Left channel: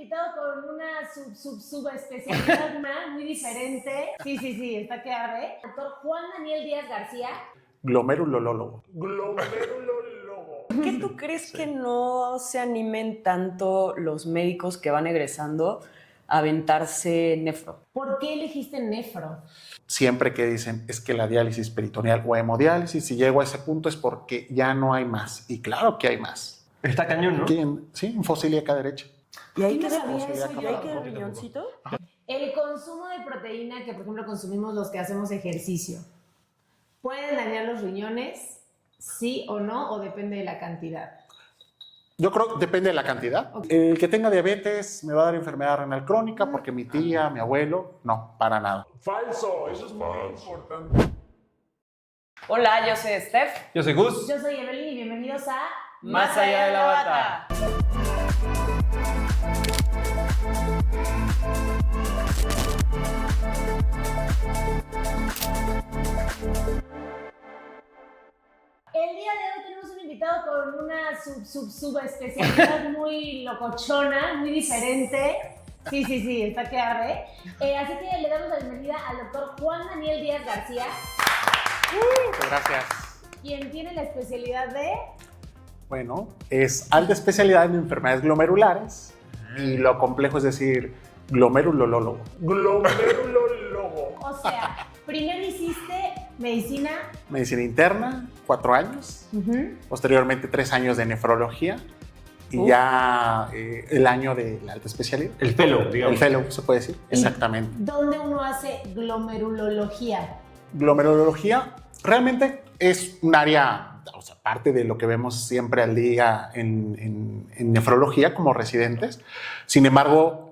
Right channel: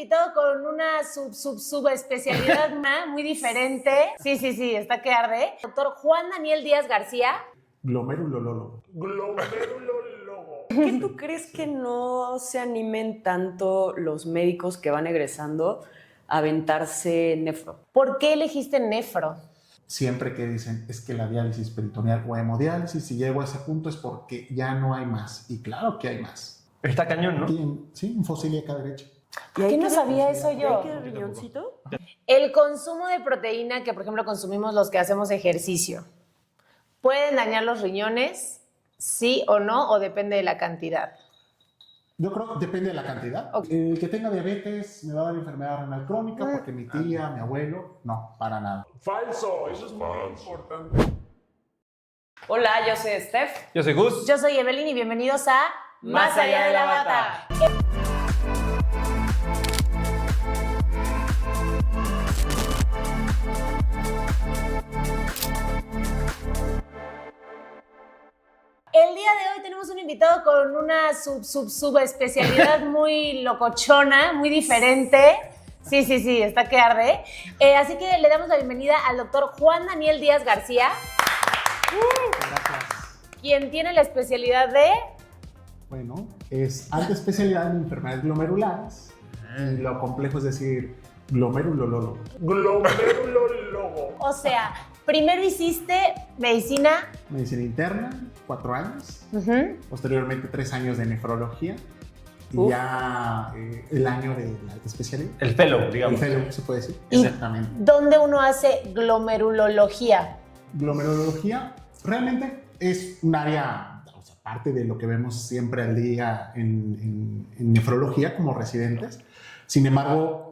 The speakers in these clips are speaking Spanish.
invitado con una subespecialidad muy diferente. Sí, está que arde. Doctor Juan Daniel Díaz García. Glomerulólogo. ¿Por qué tú crees que no se animen tanto los médicos que van egresando a aventarse nefro? ¿Por qué elegiste nefro? Siempre que dicen es que la diálisis peritoneal o hemodiálisis, si llego a ese punto es porque ya no hay más. Y claro que hay más. Está cañón, ¿no? Sí, en fosil y acá derecha. ¿Y hay no sabía eso ¿Y yo? hay que riñoncito? El consumo de proteína que, por ejemplo, consumimos los que hacemos ejercicio, ¿pueden dañar los riñones? ¿Sí o no? ¿O depende de la cantidad? Yo creo que depende de la cantidad. Okay. El que tenga diabetes me va a dar enfermedad renal crónica porque mi tía, mi abuelo, no, para nada. Falso, eso es muy importante. Hola, yo soy Steph. Yo soy Gus. Yo soy Evelyn y bienvenidos a Más allá de la bata. El día de hoy tenemos un invitado con una subespecialidad muy locochona, muy diferente. Sí, está que arde. Así que le damos la bienvenida al doctor Juan Daniel Díaz García. Gracias. Quien tiene la especialidad de... Bueno, es alta especialidad en enfermedades glomerulares y lo complejo es decir glomerulólogo. Glomerulólogo. O sea, primero hiciste medicina. Medicina interna, 4 años. Posteriormente 3 años de nefrología. Y ya el año de la alta especialidad. El fellow, digamos. El fellow, se puede decir. ¿Y Exactamente. dónde uno hace glomerulología? Glomerulología realmente es un área, o sea, parte de lo que vemos siempre al día en nefrología como residentes. Sin embargo,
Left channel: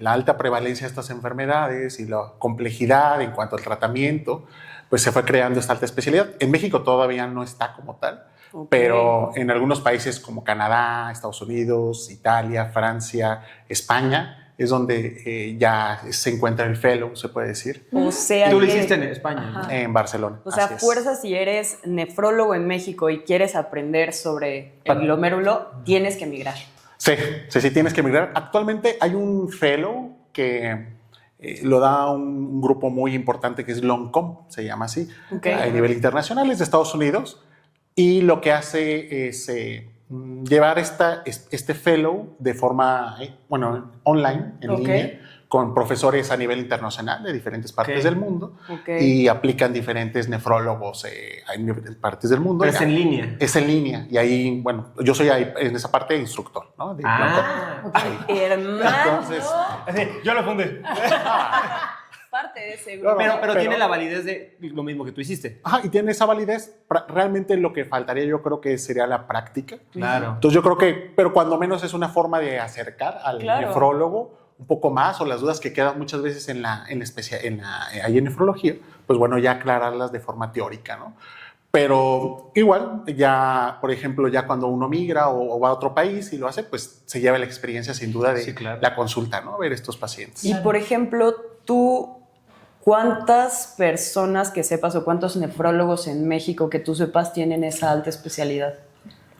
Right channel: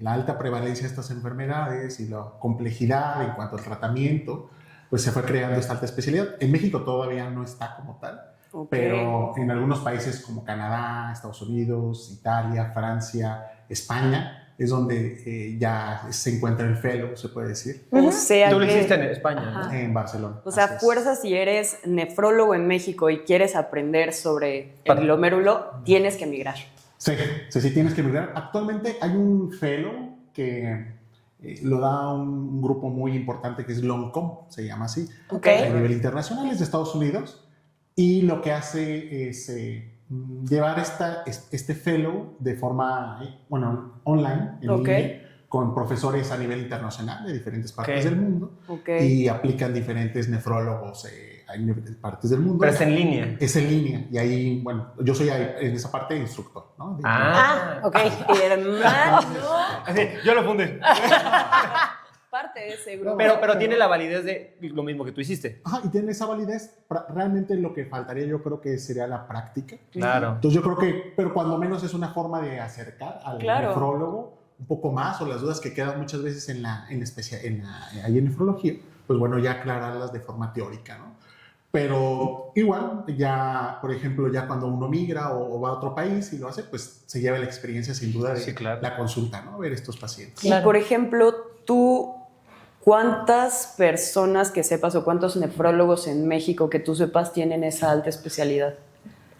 la alta prevalencia de estas enfermedades y la complejidad en cuanto al tratamiento, pues se fue creando esta alta especialidad. En México todavía no está como tal. Okay. Pero en algunos países como Canadá, Estados Unidos, Italia, Francia, España, es donde ya se encuentra el fellow, se puede decir, O sea Tú lo que- hiciste en España, ¿no? Ajá. en Barcelona. O sea, Así es. fuerza, si eres nefrólogo en México y quieres aprender sobre el glomérulo, tienes que emigrar. Sí, tienes que emigrar. Actualmente hay un fellow que lo da un grupo muy importante que es LONCOM, se llama así, Ok. a nivel internacional, es de Estados Unidos, y lo que hace es llevar este fellow de forma, online, en Ok. línea, con profesores a nivel internacional de diferentes partes Ok. del mundo, Ok. y aplican diferentes nefrólogos en diferentes partes del mundo. Pero es en línea. Es en línea, y ahí, bueno, yo soy ahí, en esa parte instructor, ¿no? Ok. Hermano, Entonces, Así, yo lo fundé. parte de ese grupo. Pero tiene la validez de lo mismo que tú hiciste. Ajá, y tiene esa validez. Realmente lo que faltaría yo creo que sería la práctica. Claro. Entonces yo creo que, pero cuando menos es una forma de acercar al Claro. nefrólogo un poco más, o las dudas que quedan muchas veces ahí en nefrología, pues bueno, ya aclararlas de forma teórica, ¿no? Pero igual, ya, por ejemplo, ya cuando uno migra o va a otro país y lo hace, pues se lleva la experiencia sin duda de Sí, claro. la consulta, ¿no? Ver estos pacientes. Y por ejemplo, tú, ¿cuántas personas que sepas o cuántos nefrólogos en México que tú sepas tienen esa alta especialidad?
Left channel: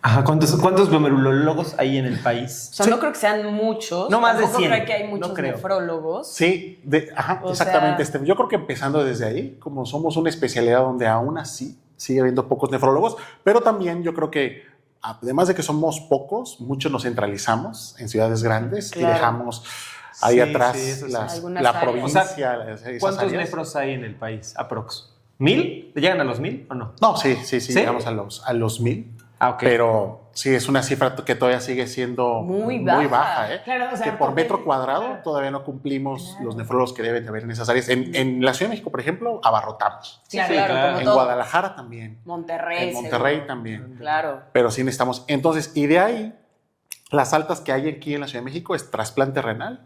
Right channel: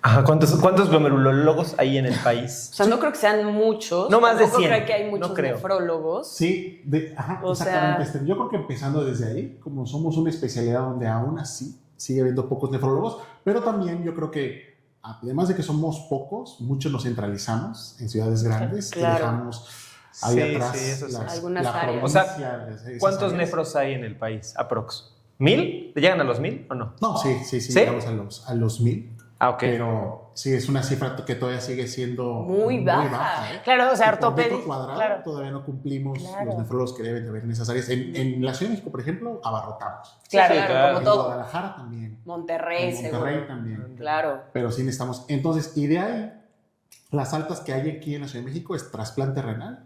Ajá, ¿cuántos glomerulólogos hay en el país? O sea, no creo que sean muchos. No más de Tampoco 100, creo que hay muchos no creo. nefrólogos. Sí, O exactamente. sea- Yo creo que empezando desde ahí, como somos una especialidad donde aún así sigue habiendo pocos nefrólogos, pero también yo creo que además de que somos pocos, muchos nos centralizamos en ciudades grandes Claro. y dejamos ahí Sí, atrás sí, eso sí. Algunas la áreas. provincia. O sea, esas ¿Cuántos áreas. nefros hay en el país? Aprox. ¿1000? ¿Llegan a los 1000 o no? No, sí, ¿Sí? llegamos a los 1000. Ah, ok. Pero sí, es una cifra que todavía sigue siendo Muy baja. ¿eh? Claro, o sea, Que por ortopedia, metro cuadrado claro. todavía no cumplimos Claro. los nefrólogos que deben de haber en esas áreas. En la Ciudad de México, por ejemplo, abarrotamos. Claro, Sí, claro, claro. como En todo. Guadalajara también. Monterrey, En Monterrey seguro. también. Claro. Pero sí necesitamos. Entonces, y de ahí, las altas que hay aquí en la Ciudad de México es trasplante renal.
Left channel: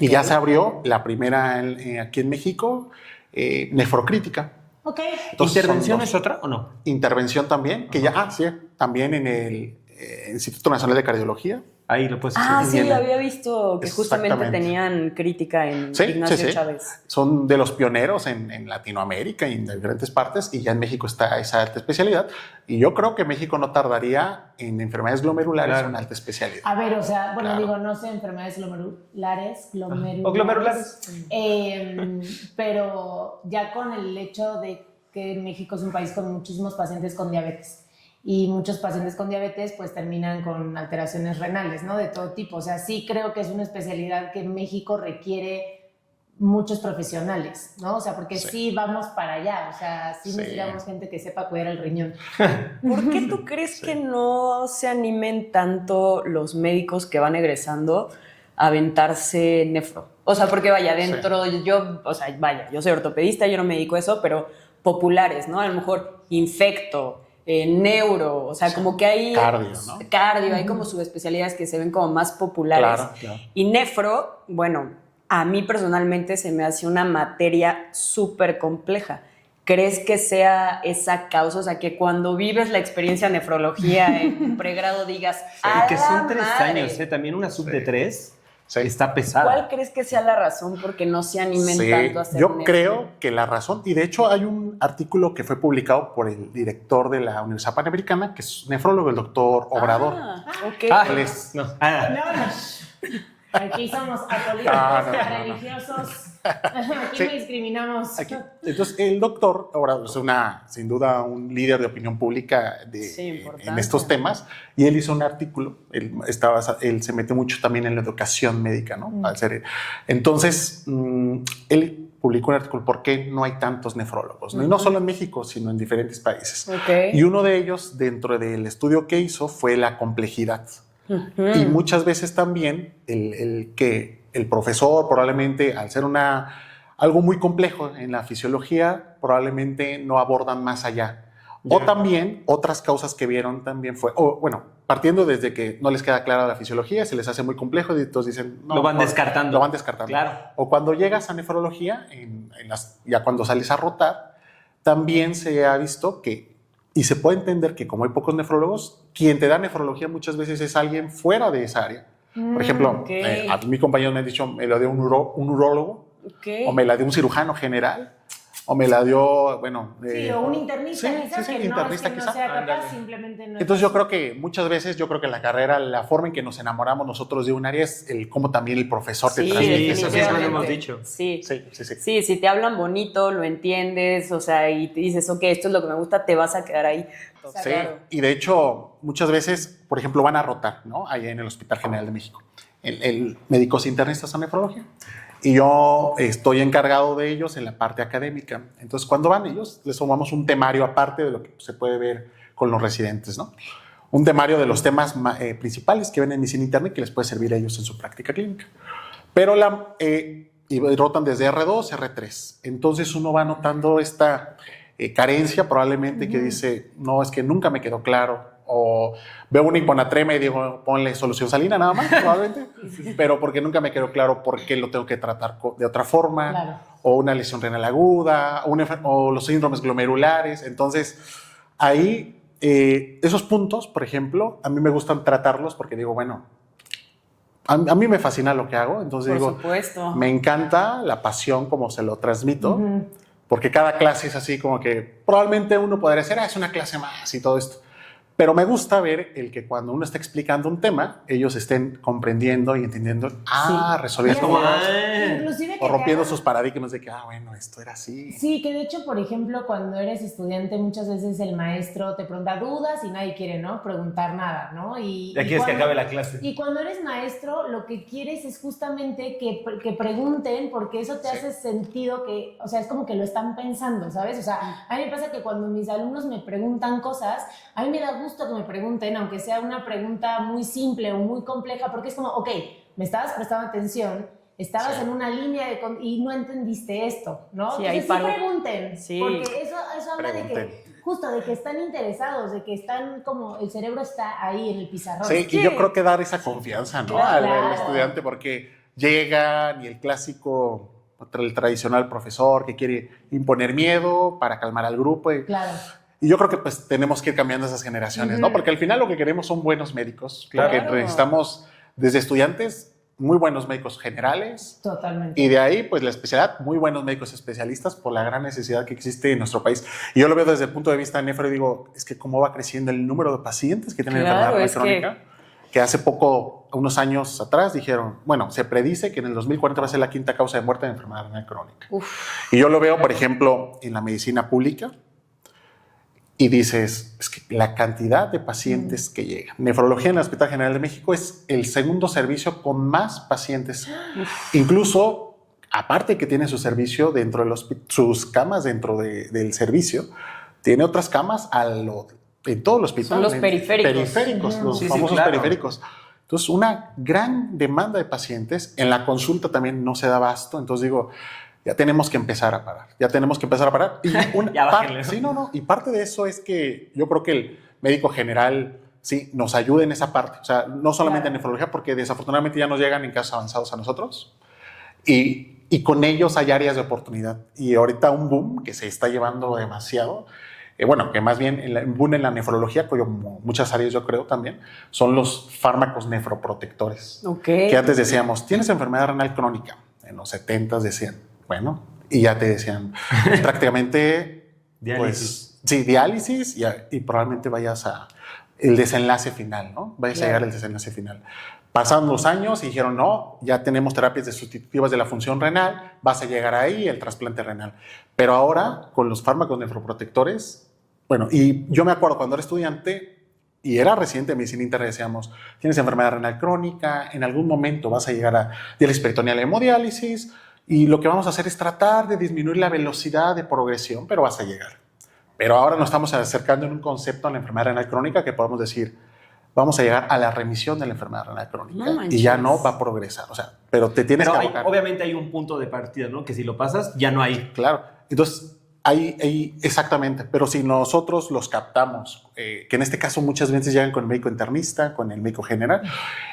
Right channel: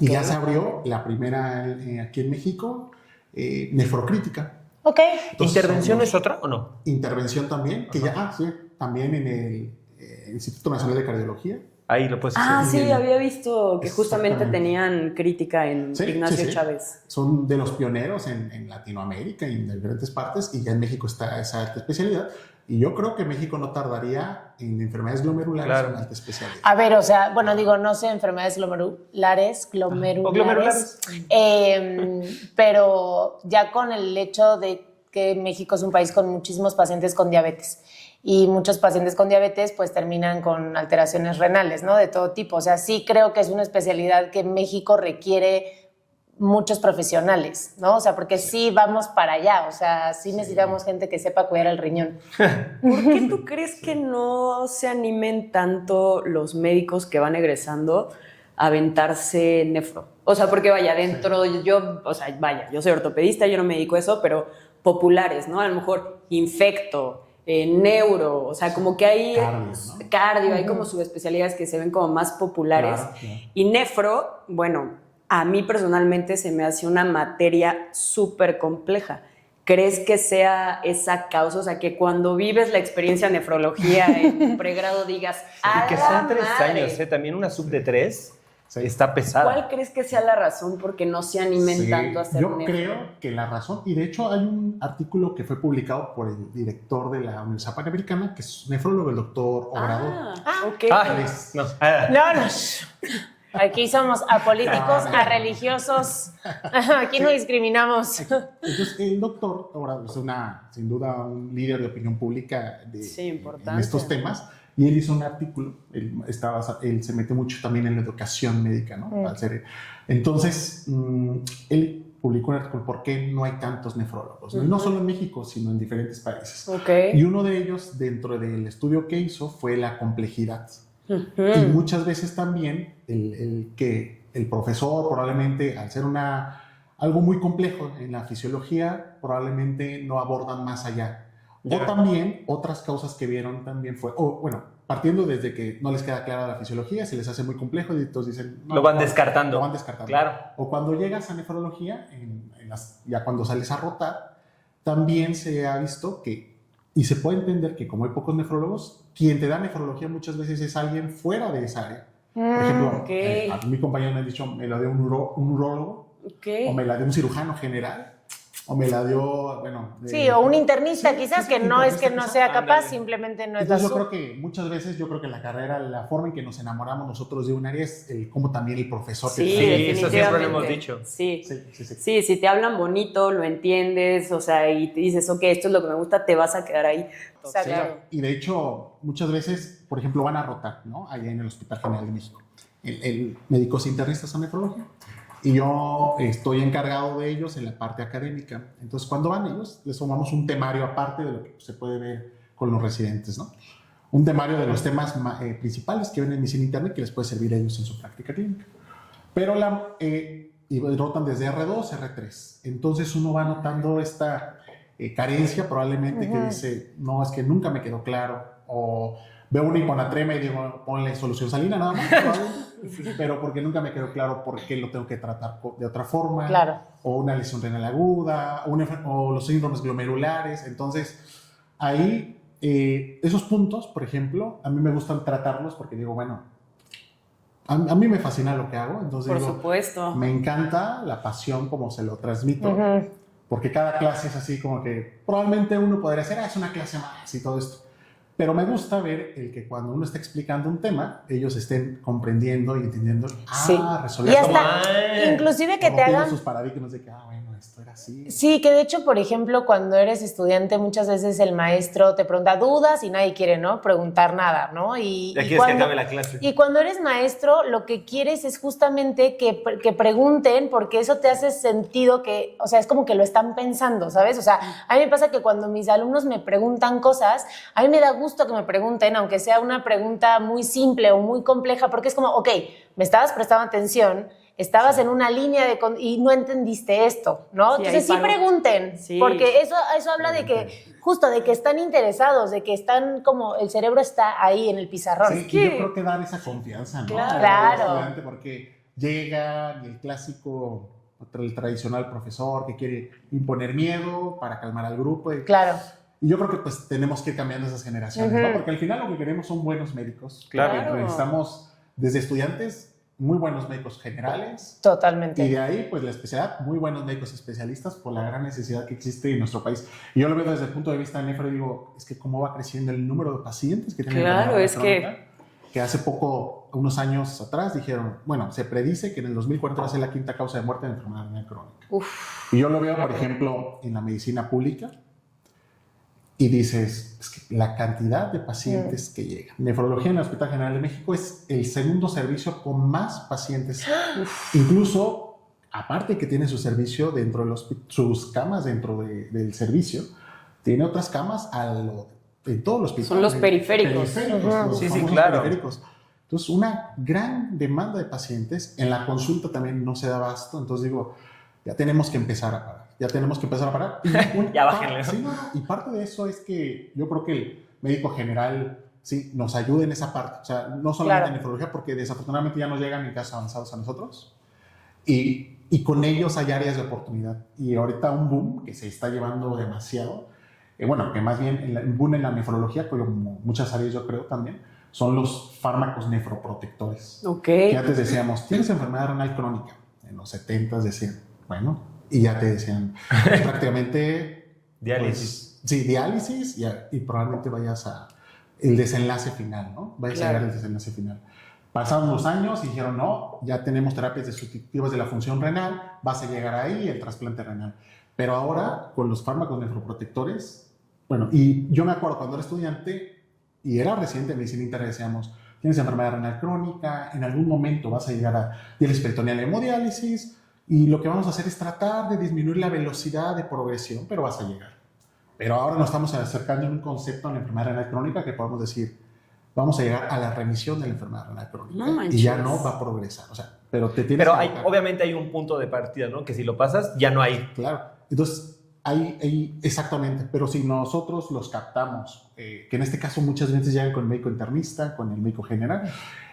Y ya se abrió la primera aquí en México, nefrocrítica. Ok. Entonces, ¿Intervención son es otra o no? dos. Intervención también, que ya, sí, también en el Instituto Nacional de Cardiología. Ahí lo puedes Ah, sí, entiende. había visto que justamente Exactamente. tenían crítica en Sí, Ignacio sí, sí. Chávez. Son de los pioneros en Latinoamérica y en diferentes partes, y ya en México está esa alta especialidad. Y yo creo que México no tardaría en enfermedades glomerulares Claro. en alta especialidad. A ver, o sea, bueno, digo, no sé, enfermedades glomerulares, O glomerulares. pero ya con el hecho de que México es un país con muchísimos pacientes con diabetes y muchos pacientes con diabetes pues terminan con alteraciones renales, ¿no? De todo tipo. O sea, sí creo que es una especialidad que México requiere muchos profesionales, ¿no? O sea, porque sí vamos para allá, o sea, sí necesitamos gente que sepa cuidar el riñón. ¿Por qué tú crees que no se animen tanto los médicos que van egresando a aventarse nefro? O sea, porque vaya, dentro yo, o sea, vaya, yo soy ortopedista, yo no me dedico a eso, pero populares, ¿no? A lo mejor infecto, neuro, o sea, como que hay Cardio, ¿no? cardio, hay como subespecialidades que se ven como más populares. Claro, claro. Y nefro, bueno, a mí personalmente se me hace una materia súper compleja. ¿Crees que sea esa causa? O sea, que cuando vives la experiencia de nefrología en pregrado digas, Y que son ¡a la 3 madre! años, ¿eh? También una sub de 3 Sí. está pesada. ¿Cuál crees que sea la razón por qué no se animen Sí, tanto a hacer yo nefro? creo que la razón, y de hecho hay un artículo que fue publicado por el director de la Universidad Panamericana, que es nefrólogo, el doctor Obrador. Ah, ok. Ah, Él es- no. No, no. Aquí somos apolíticos, No, no. religiosos. Aquí no discriminamos. Aquí. Entonces, el doctor Obrador es sin duda un líder de opinión pública Sí, importante. en estos temas, y él hizo un artículo, él se mete mucho también en la educación médica, ¿no? Entonces, él publicó un artículo, ¿por qué no hay tantos nefrólogos? No solo en México, sino en diferentes países. Ok. Y uno de ellos, dentro del estudio que hizo, fue la complejidad. Ujú. Y muchas veces también que el profesor probablemente, al ser algo muy complejo en la fisiología, probablemente no abordan más allá. O Ya. también otras causas que vieron también fue, bueno, partiendo desde que no les queda clara la fisiología, se les hace muy complejo y entonces dicen... no, Lo van no, descartando. Lo van descartando. Claro. O cuando llegas a nefrología, ya cuando sales a rotar, también se ha visto que, y se puede entender que como hay pocos nefrólogos, quien te da nefrología muchas veces es alguien fuera de esa área. Por ejemplo, ok. a mi compañero me ha dicho, me lo dio un urólogo, Ok. o me la dio un cirujano general, o me la dio, bueno... Sí, o un internista sí, quizás, sí, que un no es que internista no quizá. sea capaz, Ándale. simplemente no es Entonces yo lo creo que muchas veces, en la carrera, la forma en que nos enamoramos nosotros de un área es cómo también el profesor te Sí, transmite. eso siempre lo hemos dicho. Sí. Sí, sí, sí. Sí, si te hablan bonito, lo entiendes, o sea, y te dices, ok, esto es lo que me gusta, te vas a quedar ahí. O sea, Sí, claro. y de hecho, muchas veces, por ejemplo, van a rotar, ¿no? Allá en el Hospital General de México. El médicos internistas en nefrología. Y yo estoy encargado de ellos en la parte académica. Entonces, cuando van ellos, les tomamos un temario aparte de lo que se puede ver con los residentes, ¿no? Un temario de los temas principales que ven en medicina interna y que les puede servir a ellos en su práctica clínica. Pero y rotan desde R2 a R3. Entonces, uno va notando esta carencia probablemente que dice, no, es que nunca me quedó claro. O veo una hiponatremia y digo, ponle solución salina nada más, probablemente. Pero porque nunca me quedó claro por qué lo tengo que tratar de otra forma. Claro. O una lesión renal aguda, o los síndromes glomerulares. Entonces, ahí, esos puntos, por ejemplo, a mí me gustan tratarlos porque digo, bueno, a mí me fascina lo que hago. Entonces Por digo, supuesto. me encanta la pasión como se lo transmito. Ujú. Porque cada clase es así como que probablemente uno podría decir, es una clase más y todo esto. Pero me gusta ver el que cuando uno está explicando un tema, ellos estén comprendiendo y entendiendo, Sí. resolvió Y esto hasta, mal. inclusive O que te rompiendo hagan... sus paradigmas de que, bueno, esto era así. Sí, que de hecho, por ejemplo, cuando eres estudiante, muchas veces el maestro te pregunta dudas y nadie quiere, ¿no? Preguntar nada, ¿no? Ya quieres que acabe la clase. Y cuando eres maestro, lo que quieres es justamente que pregunten, porque eso te hace sentido que, o sea, es como que lo están pensando, ¿sabes? O sea, a mí me pasa que cuando mis alumnos me preguntan cosas, a mí me da gusto que me pregunten, aunque sea una pregunta muy simple o muy compleja, porque es como, ok, me estabas prestando atención, estabas en una línea y no entendiste esto, ¿no? Sí, Entonces sí ahí paro. pregunten, Sí. porque eso habla de que, Pregunten. justo, de que están interesados, de que están como, el cerebro está ahí en el pizarrón. Sí, y yo creo que dar esa confianza, ¿no? Claro. Al estudiante, porque llegan y el clásico, el tradicional profesor que quiere imponer miedo para calmar al grupo. Claro. Y yo creo que pues tenemos que ir cambiando esas generaciones, ¿no? Porque al final lo que queremos son buenos médicos. Claro. Que necesitamos desde estudiantes, muy buenos médicos generales, Totalmente. y de ahí, pues la especialidad, muy buenos médicos especialistas por la gran necesidad que existe en nuestro país. Y yo lo veo desde el punto de vista de nefro y digo, es que cómo va creciendo el número de pacientes que tienen Claro, enfermedad es crónica. Que hace poco, unos años atrás, dijeron, bueno, se predice que en el 2040 va a ser la quinta causa de muerte de enfermedad renal crónica. Uf. Y yo lo veo, por ejemplo, en la medicina pública, y dices, es que la cantidad de pacientes que llegan. Nefrología en el Hospital General de México es el segundo servicio con más pacientes. Incluso, aparte que tiene su servicio dentro de sus camas dentro del servicio, tiene otras camas en todo el hospital. Son los periféricos. Los Sí, sí, famosos claro. periféricos. Entonces, una gran demanda de pacientes. En la consulta también no se da abasto. Entonces digo, ya tenemos que empezar a parar. Ya tenemos que empezar a parar. Y Ya bájenle, ¿no? Sí, no. Y parte de eso es que yo creo que el médico general sí nos ayude en esa parte. O sea, no solamente en nefrología, porque desafortunadamente ya nos llegan en casos avanzados a nosotros. Y con ellos hay áreas de oportunidad. Y ahorita un boom que se está llevando demasiado, bueno, que más bien el boom en la nefrología, como muchas áreas yo creo también, son los fármacos nefroprotectores. Ok. Que antes decíamos, tienes enfermedad renal crónica. En los 70s decían, bueno, y ya te decían prácticamente... Diálisis. Pues, sí, diálisis y probablemente vayas a el desenlace final, ¿no? Vayas a llegar al desenlace final. Pasaron los años y dijeron, no, ya tenemos terapias sustitutivas de la función renal, vas a llegar ahí, el trasplante renal. Pero ahora, con los fármacos nefroprotectores, bueno, y yo me acuerdo cuando era estudiante y era residente de medicina interna, decíamos, tienes enfermedad renal crónica, en algún momento vas a llegar a diálisis peritoneal y hemodiálisis, y lo que vamos a hacer es tratar de disminuir la velocidad de progresión, pero vas a llegar. Pero ahora nos estamos acercando en un concepto en la enfermedad renal crónica que podemos decir, vamos a llegar a la remisión de la enfermedad renal crónica. No manches. Y ya no va a progresar. O sea, pero te tienes Pero que abocar. obviamente hay un punto de partida, ¿no? Que si lo pasas, ya no hay. Claro. Entonces, ahí exactamente. Pero si nosotros los captamos, que en este caso muchas veces llegan con el médico internista, con el médico general,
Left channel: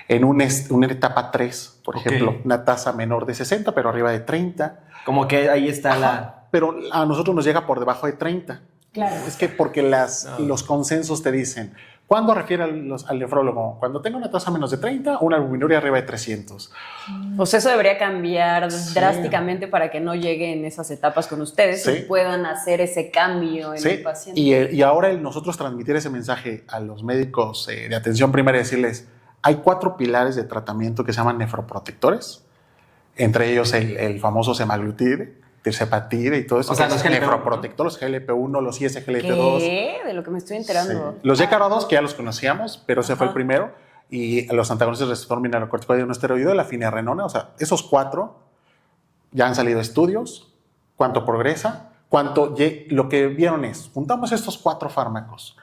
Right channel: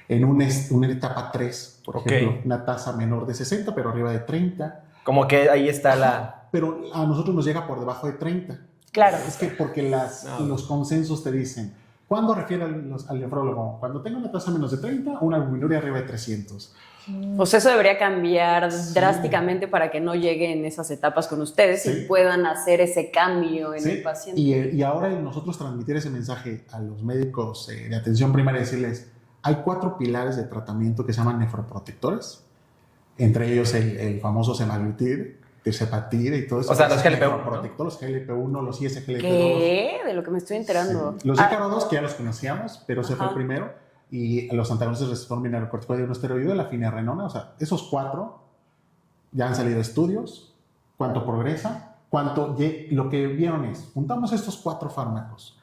en una etapa 3, por ejemplo, una tasa menor de 60, pero arriba de 30. Como que ahí está Ajá, pero a nosotros nos llega por debajo de 30. Claro. Es que porque los consensos te dicen, ¿cuándo refiere al nefrólogo? Cuando tenga una tasa menos de 30 o una albuminuria arriba de 300. Pues eso debería cambiar drásticamente para que no lleguen esas etapas con ustedes Sí. y puedan hacer ese cambio en el paciente. Y ahora nosotros transmitir ese mensaje a los médicos de atención primaria, decirles, hay 4 pilares de tratamiento que se llaman nefroprotectores, entre ellos el famoso semaglutide, tirzepatide y todo eso. O sea, los GLP-1, nefroprotectores, los GLP-1, los ISGLT2. ¿Qué? De lo que me estoy enterando. Sí. Los DKR2 que ya los conocíamos, pero ese fue el primero, y los antagonistas del receptor mineralocorticoide no esteroideo, la finerenona, o sea, esos 4 ya han salido estudios, cuánto progresa, lo que vieron es, juntamos estos 4 fármacos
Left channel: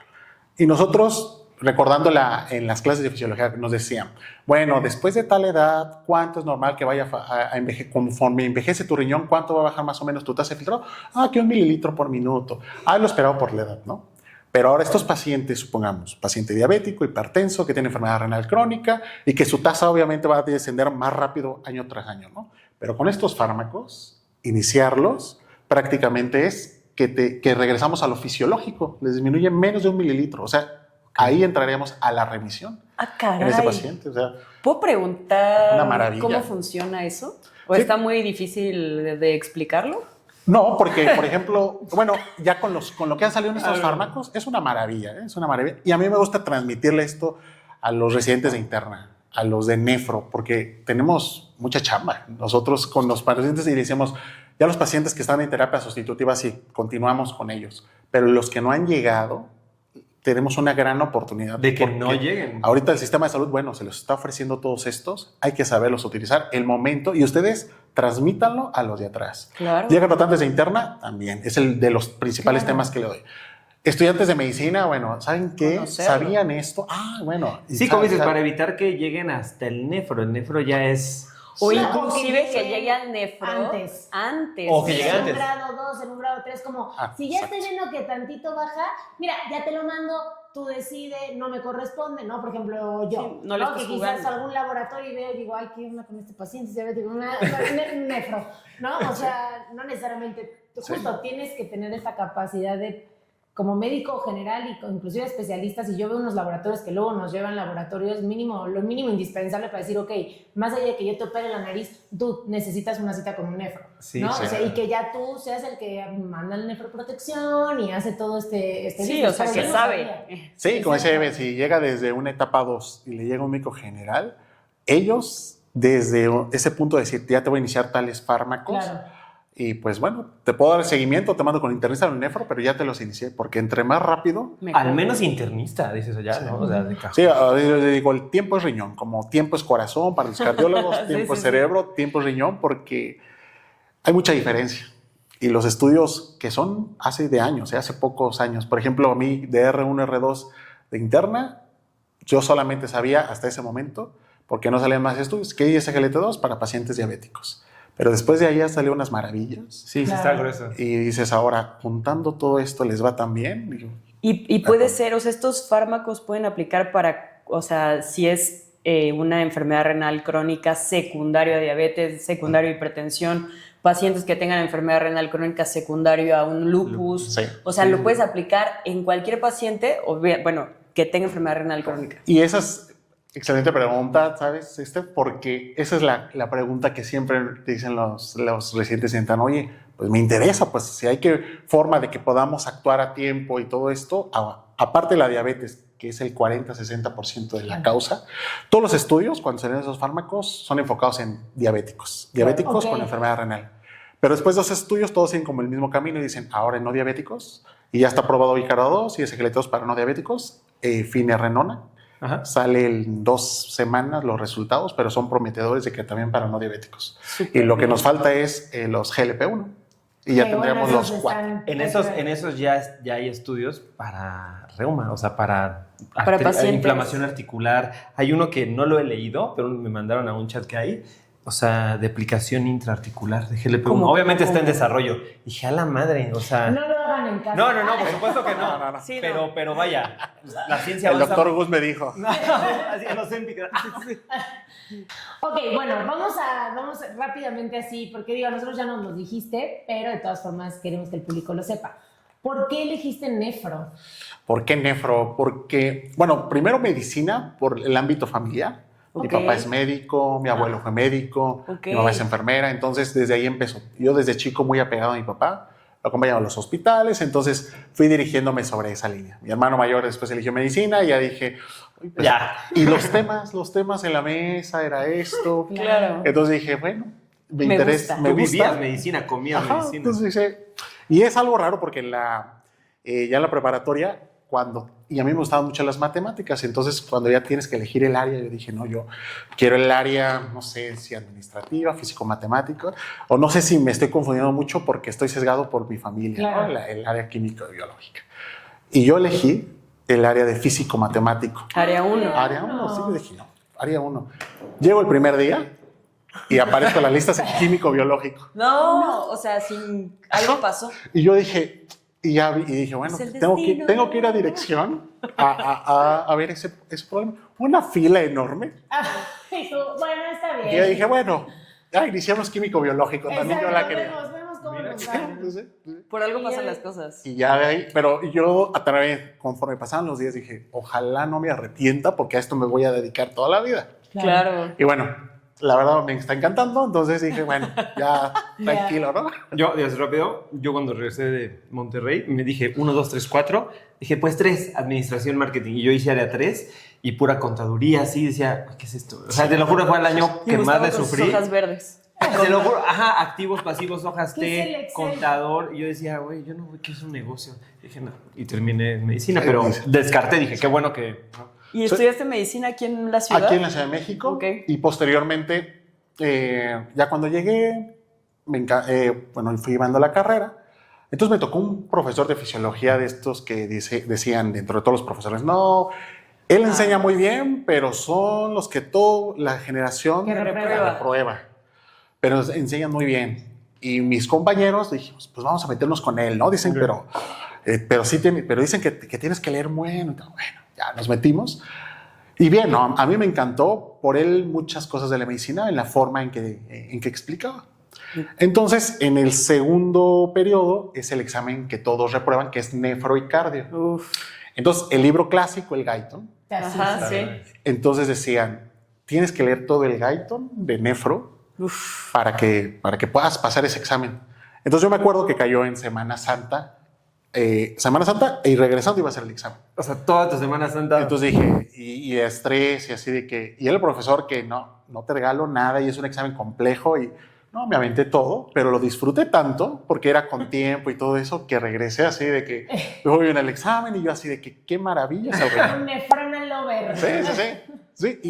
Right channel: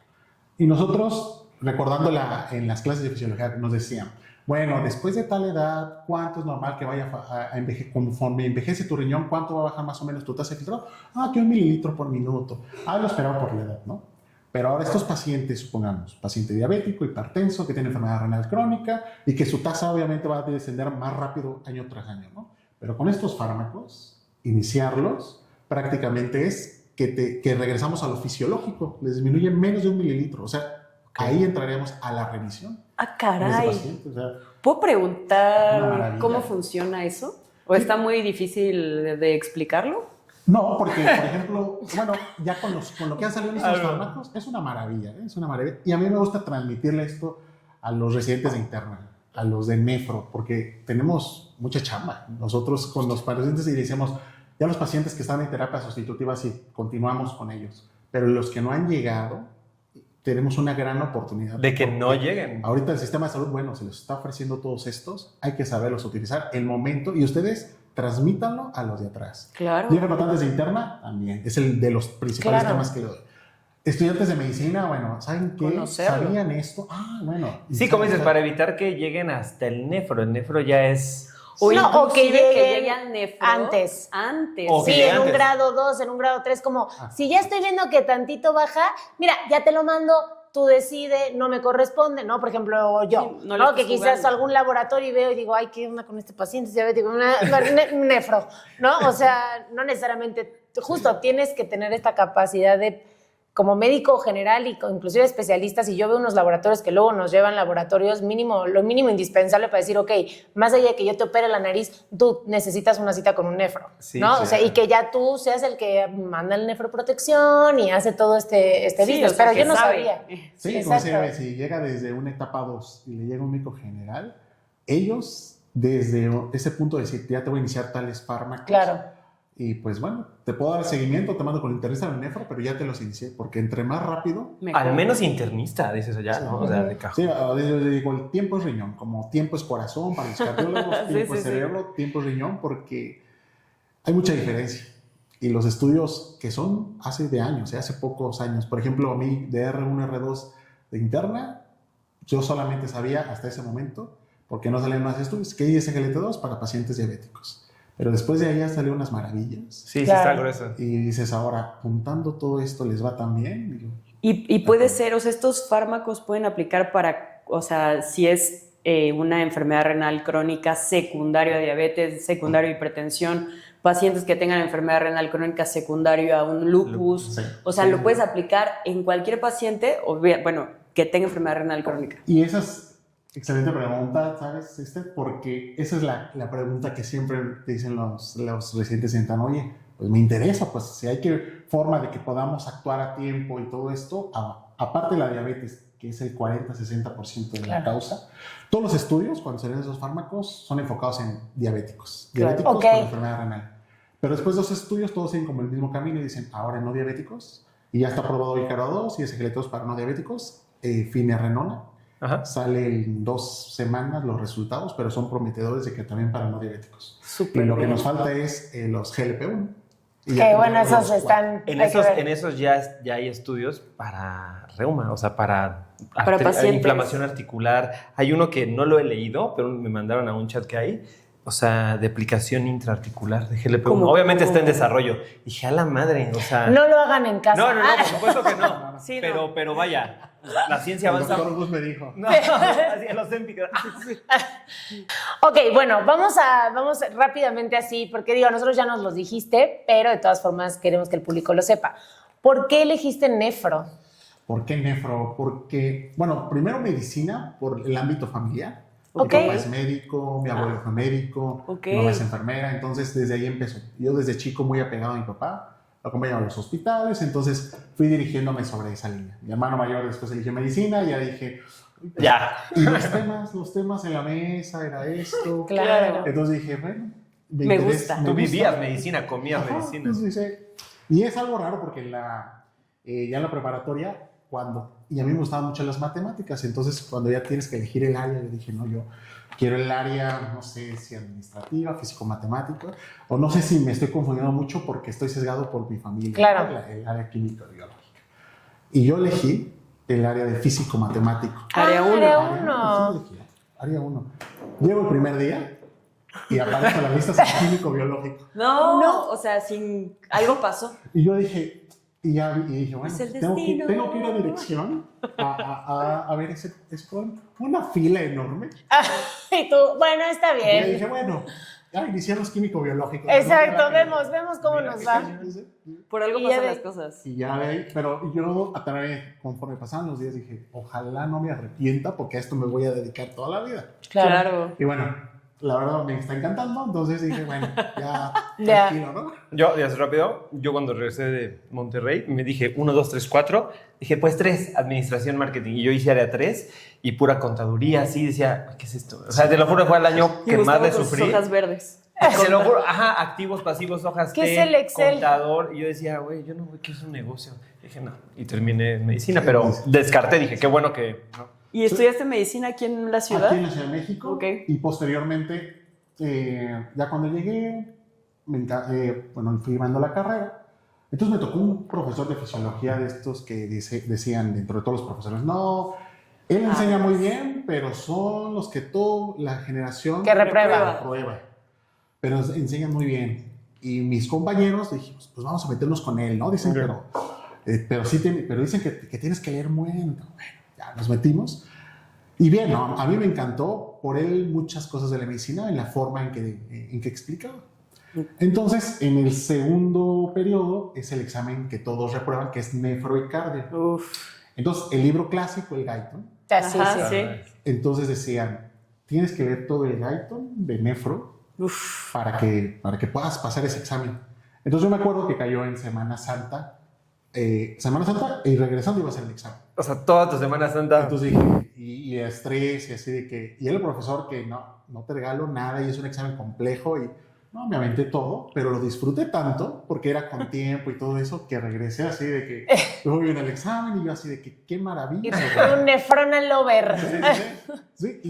y nosotros, recordando en las clases de fisiología, nos decían, bueno, después de tal edad, ¿cuánto es normal que vaya a envejecer? Conforme envejece tu riñón, ¿cuánto va a bajar más o menos tu tasa de filtrado? Que 1 mililitro por minuto. Lo esperado por la edad, ¿no? Pero ahora estos pacientes, supongamos, paciente diabético, hipertenso, que tiene enfermedad renal crónica y que su tasa obviamente va a descender más rápido año tras año, ¿no? Pero con estos fármacos, iniciarlos prácticamente es que regresamos a lo fisiológico, les disminuye menos de 1 mililitro, o sea, ahí entraríamos a la remisión en ese Caray. paciente. O sea, ¿Puedo Una preguntar maravilla. cómo funciona eso? ¿O Sí. está muy difícil de explicarlo? no, porque, por ejemplo, bueno, ya con lo que han salido en estos fármacos, es una maravilla, ¿eh? Es una maravilla. Y a mí me gusta transmitirle esto a los residentes de interna, a los de nefro, porque tenemos mucha chamba. Nosotros con los pacientes y decimos, ya los pacientes que están en terapia sustitutiva, sí, continuamos con ellos. Pero los que no han llegado, tenemos una gran oportunidad. De que porque no lleguen. Ahorita el sistema de salud, bueno, se los está ofreciendo todos estos, hay que saberlos utilizar, el momento, y ustedes transmítanlo a los de atrás. Claro. Llegan rotantes de interna, también, es el de los principales temas que le doy. Estudiantes de medicina, bueno, ¿saben qué? Conocerlo. ¿Sabían esto? Bueno. Sí, como dices, para evitar que lleguen hasta el nefro. El nefro ya es... O No, o inclusive que que lleguen llegue al nefro antes. O que Sí, llegue en un antes. grado 2, en un grado 3, como si ya exacto. estoy viendo que tantito baja, mira, ya te lo mando, tú decides, no me corresponde, ¿no? Por ejemplo, yo, Sí, ¿no? no le estás Que quizás jugando. algún laboratorio veo y digo, ay, ¿qué onda con este paciente? Es diabético, nefro, ¿no? O sea, no necesariamente, justo tienes que tener esta capacidad de como médico general y inclusive especialistas, y yo veo unos laboratorios que luego nos llevan laboratorios lo mínimo indispensable para decir, ok, más allá de que yo te opere la nariz, tú necesitas una cita con un nefro, Sí, ¿no? sí. O sea, y que ya tú seas el que manda el nefroprotección y hace todo este Sí, business, o sea, pero que yo no sabe. sabía. Sí, como dice exacto. Eve, si llega desde una etapa 2 y le llega un médico general, ellos desde ese punto de decir, ya te voy a iniciar tales fármacos. Claro. Y pues bueno, te puedo dar el seguimiento, te mando con el internista al nefro, pero ya te los inicié, porque entre más rápido. Mejor. Al menos internista, dices allá, ¿no? O sea, de cajón. Sí, yo le digo, el tiempo es riñón, como tiempo es corazón para los cardiólogos, Sí, tiempo sí, es sí. cerebro, tiempo es riñón, porque hay mucha diferencia. Y los estudios que son hace de años, hace pocos años, por ejemplo, a mí de R1, R2 de interna, yo solamente sabía hasta ese momento, porque no salían más estudios, que es SGLT2 para pacientes diabéticos. Pero después de ahí ya salió unas maravillas. Sí, sí Claro. está grueso. Y dices, ahora, juntando todo esto, ¿les va tan bien? Digo, Y puede ser, o sea, estos fármacos pueden aplicar para, o sea, si es una enfermedad renal crónica secundaria a diabetes, secundario a hipertensión, pacientes que tengan enfermedad renal crónica secundario a un lupus, Sí. o sea, Sí, lo sí. puedes aplicar en cualquier paciente, o bien, bueno, que tenga enfermedad renal crónica. Y esa es excelente pregunta, ¿sabes? Porque esa es la pregunta que siempre te dicen los residentes, sientan, oye, pues me interesa, pues si hay forma de que podamos actuar a tiempo y todo esto, aparte de la diabetes, que es el 40-60% de la Claro. causa, todos los estudios, cuando se ven esos fármacos, son enfocados en diabéticos, Claro. diabéticos Ok. con enfermedad renal. Pero después de los estudios, todos siguen como el mismo camino y dicen, ahora en no diabéticos, y ya está aprobado Vicaro 2 y SGLT2 para no diabéticos, finerenona. Ajá. Sale en 2 semanas los resultados, pero son prometedores de que también para no diabéticos. Súper Y lo que bien. nos falta es los GLP-1. Y Que ya bueno, tendremos esos los 4. están... En hay que esos, ver. en esos ya hay estudios para reuma, o sea, para pacientes. inflamación articular. Hay uno que no lo he leído, pero me mandaron a un chat que hay, o sea, de aplicación intraarticular de GLP-1. ¿Cómo? Obviamente está en ¿Cómo? desarrollo. Dije, a la madre, o sea... No lo hagan en casa. No, por supuesto que no. Sí, pero vaya, la ciencia El avanza. doctor Gus me dijo. No, así en los Ozempic. Ok, bueno, vamos rápidamente así, porque digo, nosotros ya nos los dijiste, pero de todas formas queremos que el público lo sepa. ¿Por qué elegiste nefro? ¿Por qué nefro? Porque, bueno, primero medicina por el ámbito familiar. Ok. Mi papá es médico, mi abuelo fue médico, Ok. mi mamá es enfermera, entonces desde ahí empezó. Yo desde chico muy apegado a mi papá, lo acompañaba a los hospitales, entonces fui dirigiéndome sobre esa línea. Mi hermano mayor después eligió medicina y ya dije, "Ay, pues, Ya. y los temas en la mesa era esto. Claro. Entonces dije, bueno, Me interesa, gusta. Tú gusta. vivías medicina, comías Ajá, medicina. entonces dice, y es algo raro porque ya en la preparatoria, y a mí me gustaban mucho las matemáticas, entonces cuando ya tienes que elegir el área, yo dije, no, yo quiero el área, no sé si administrativa, físico-matemática, o no sé si me estoy confundiendo mucho porque estoy sesgado por mi familia, Claro. ¿no? el área químico-biológica. Y yo elegí el área de físico-matemático. Área 1. Área 1, sí, dije, no, área 1. Llego el primer día y aparezco en la lista sin químico-biológico. No, o sea, sin algo pasó. Y yo dije, y dije, bueno, Es el tengo destino. que ir a dirección a ver ese problema. Una fila enorme. Y tú, bueno, está Y yo bien. dije, bueno, ya iniciamos químico-biológico. Exacto, vemos cómo nos va. Por algo Y pasan ya las cosas. Y ya de ahí, pero yo a través, conforme pasaban los días, dije, ojalá no me arrepienta porque a esto me voy a dedicar toda la vida. Claro. Y bueno, la verdad me está encantando, entonces dije, bueno, ya Ya. tranquilo, ¿no? Yo, ya rápido, yo cuando regresé de Monterrey me dije 1, 2, 3, 4. Dije, pues 3, administración, marketing. Y yo hice área 3 y pura contaduría, así decía, ¿qué es esto? O sea, te lo juro, fue el año Y que más Gustavo le con sus sufrí. hojas verdes. Te lo juro, ajá, activos, pasivos, hojas ¿Qué T, es el Excel? contador. Y yo decía, güey, yo no voy, ¿qué es un negocio? Dije, no. Y terminé en medicina, Sí, pero sí. descarté, dije, qué bueno que... ¿no? ¿Y estudiaste medicina aquí en la ciudad? Aquí en la Ciudad de México. Ok. Y posteriormente, ya cuando llegué, bueno, fui llevando la carrera. Entonces me tocó un profesor de fisiología de estos que decían dentro de todos los profesores, no, él enseña muy bien, pero son los que toda la generación Que reprueba. reprueba. Pero enseñan muy bien. Y mis compañeros dijimos, pues vamos a meternos con él, ¿no? Dicen, Ok. pero dicen que tienes que leer bueno. Bueno, ya nos metimos. Y bien, ¿no? A mí me encantó por él muchas cosas de la medicina en la forma en que explicaba. Entonces, en el segundo periodo es el examen que todos reprueban, que es nefro y cardio. Uf. Entonces, el libro clásico, el Guyton, Ajá, sí. entonces decían, tienes que leer todo el Guyton de nefro Uf. para que puedas pasar ese examen. Entonces, yo me acuerdo que cayó en Semana Santa y regresando iba a hacer el examen. O sea, toda tu Semana Santa. Entonces dije, y de estrés y así de que, y el profesor que no te regalo nada y es un examen complejo y no, me aventé todo, pero lo disfruté tanto porque era con tiempo y todo eso que regresé así de que voy en el examen y yo así de que qué maravilla. Un nefrona lover. Sí,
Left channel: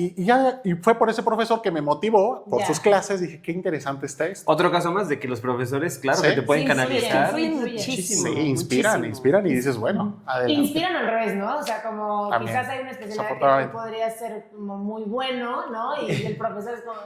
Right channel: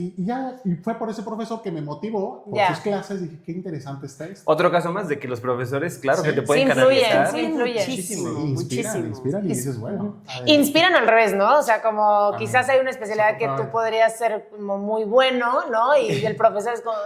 y fue por ese profesor que me motivó por Ya. sus clases. Dije, qué interesante está esto. Otro caso más de que los profesores, claro, Sí. que te pueden Sí, influyen, canalizar. influyen. muchísimo. Sí, inspiran y dices, bueno, adelante. Inspiran al revés, ¿no? O sea, como También. quizás hay una especialidad que tú Desafortunadamente. podrías ser como muy bueno, ¿no? Y el profesor es como...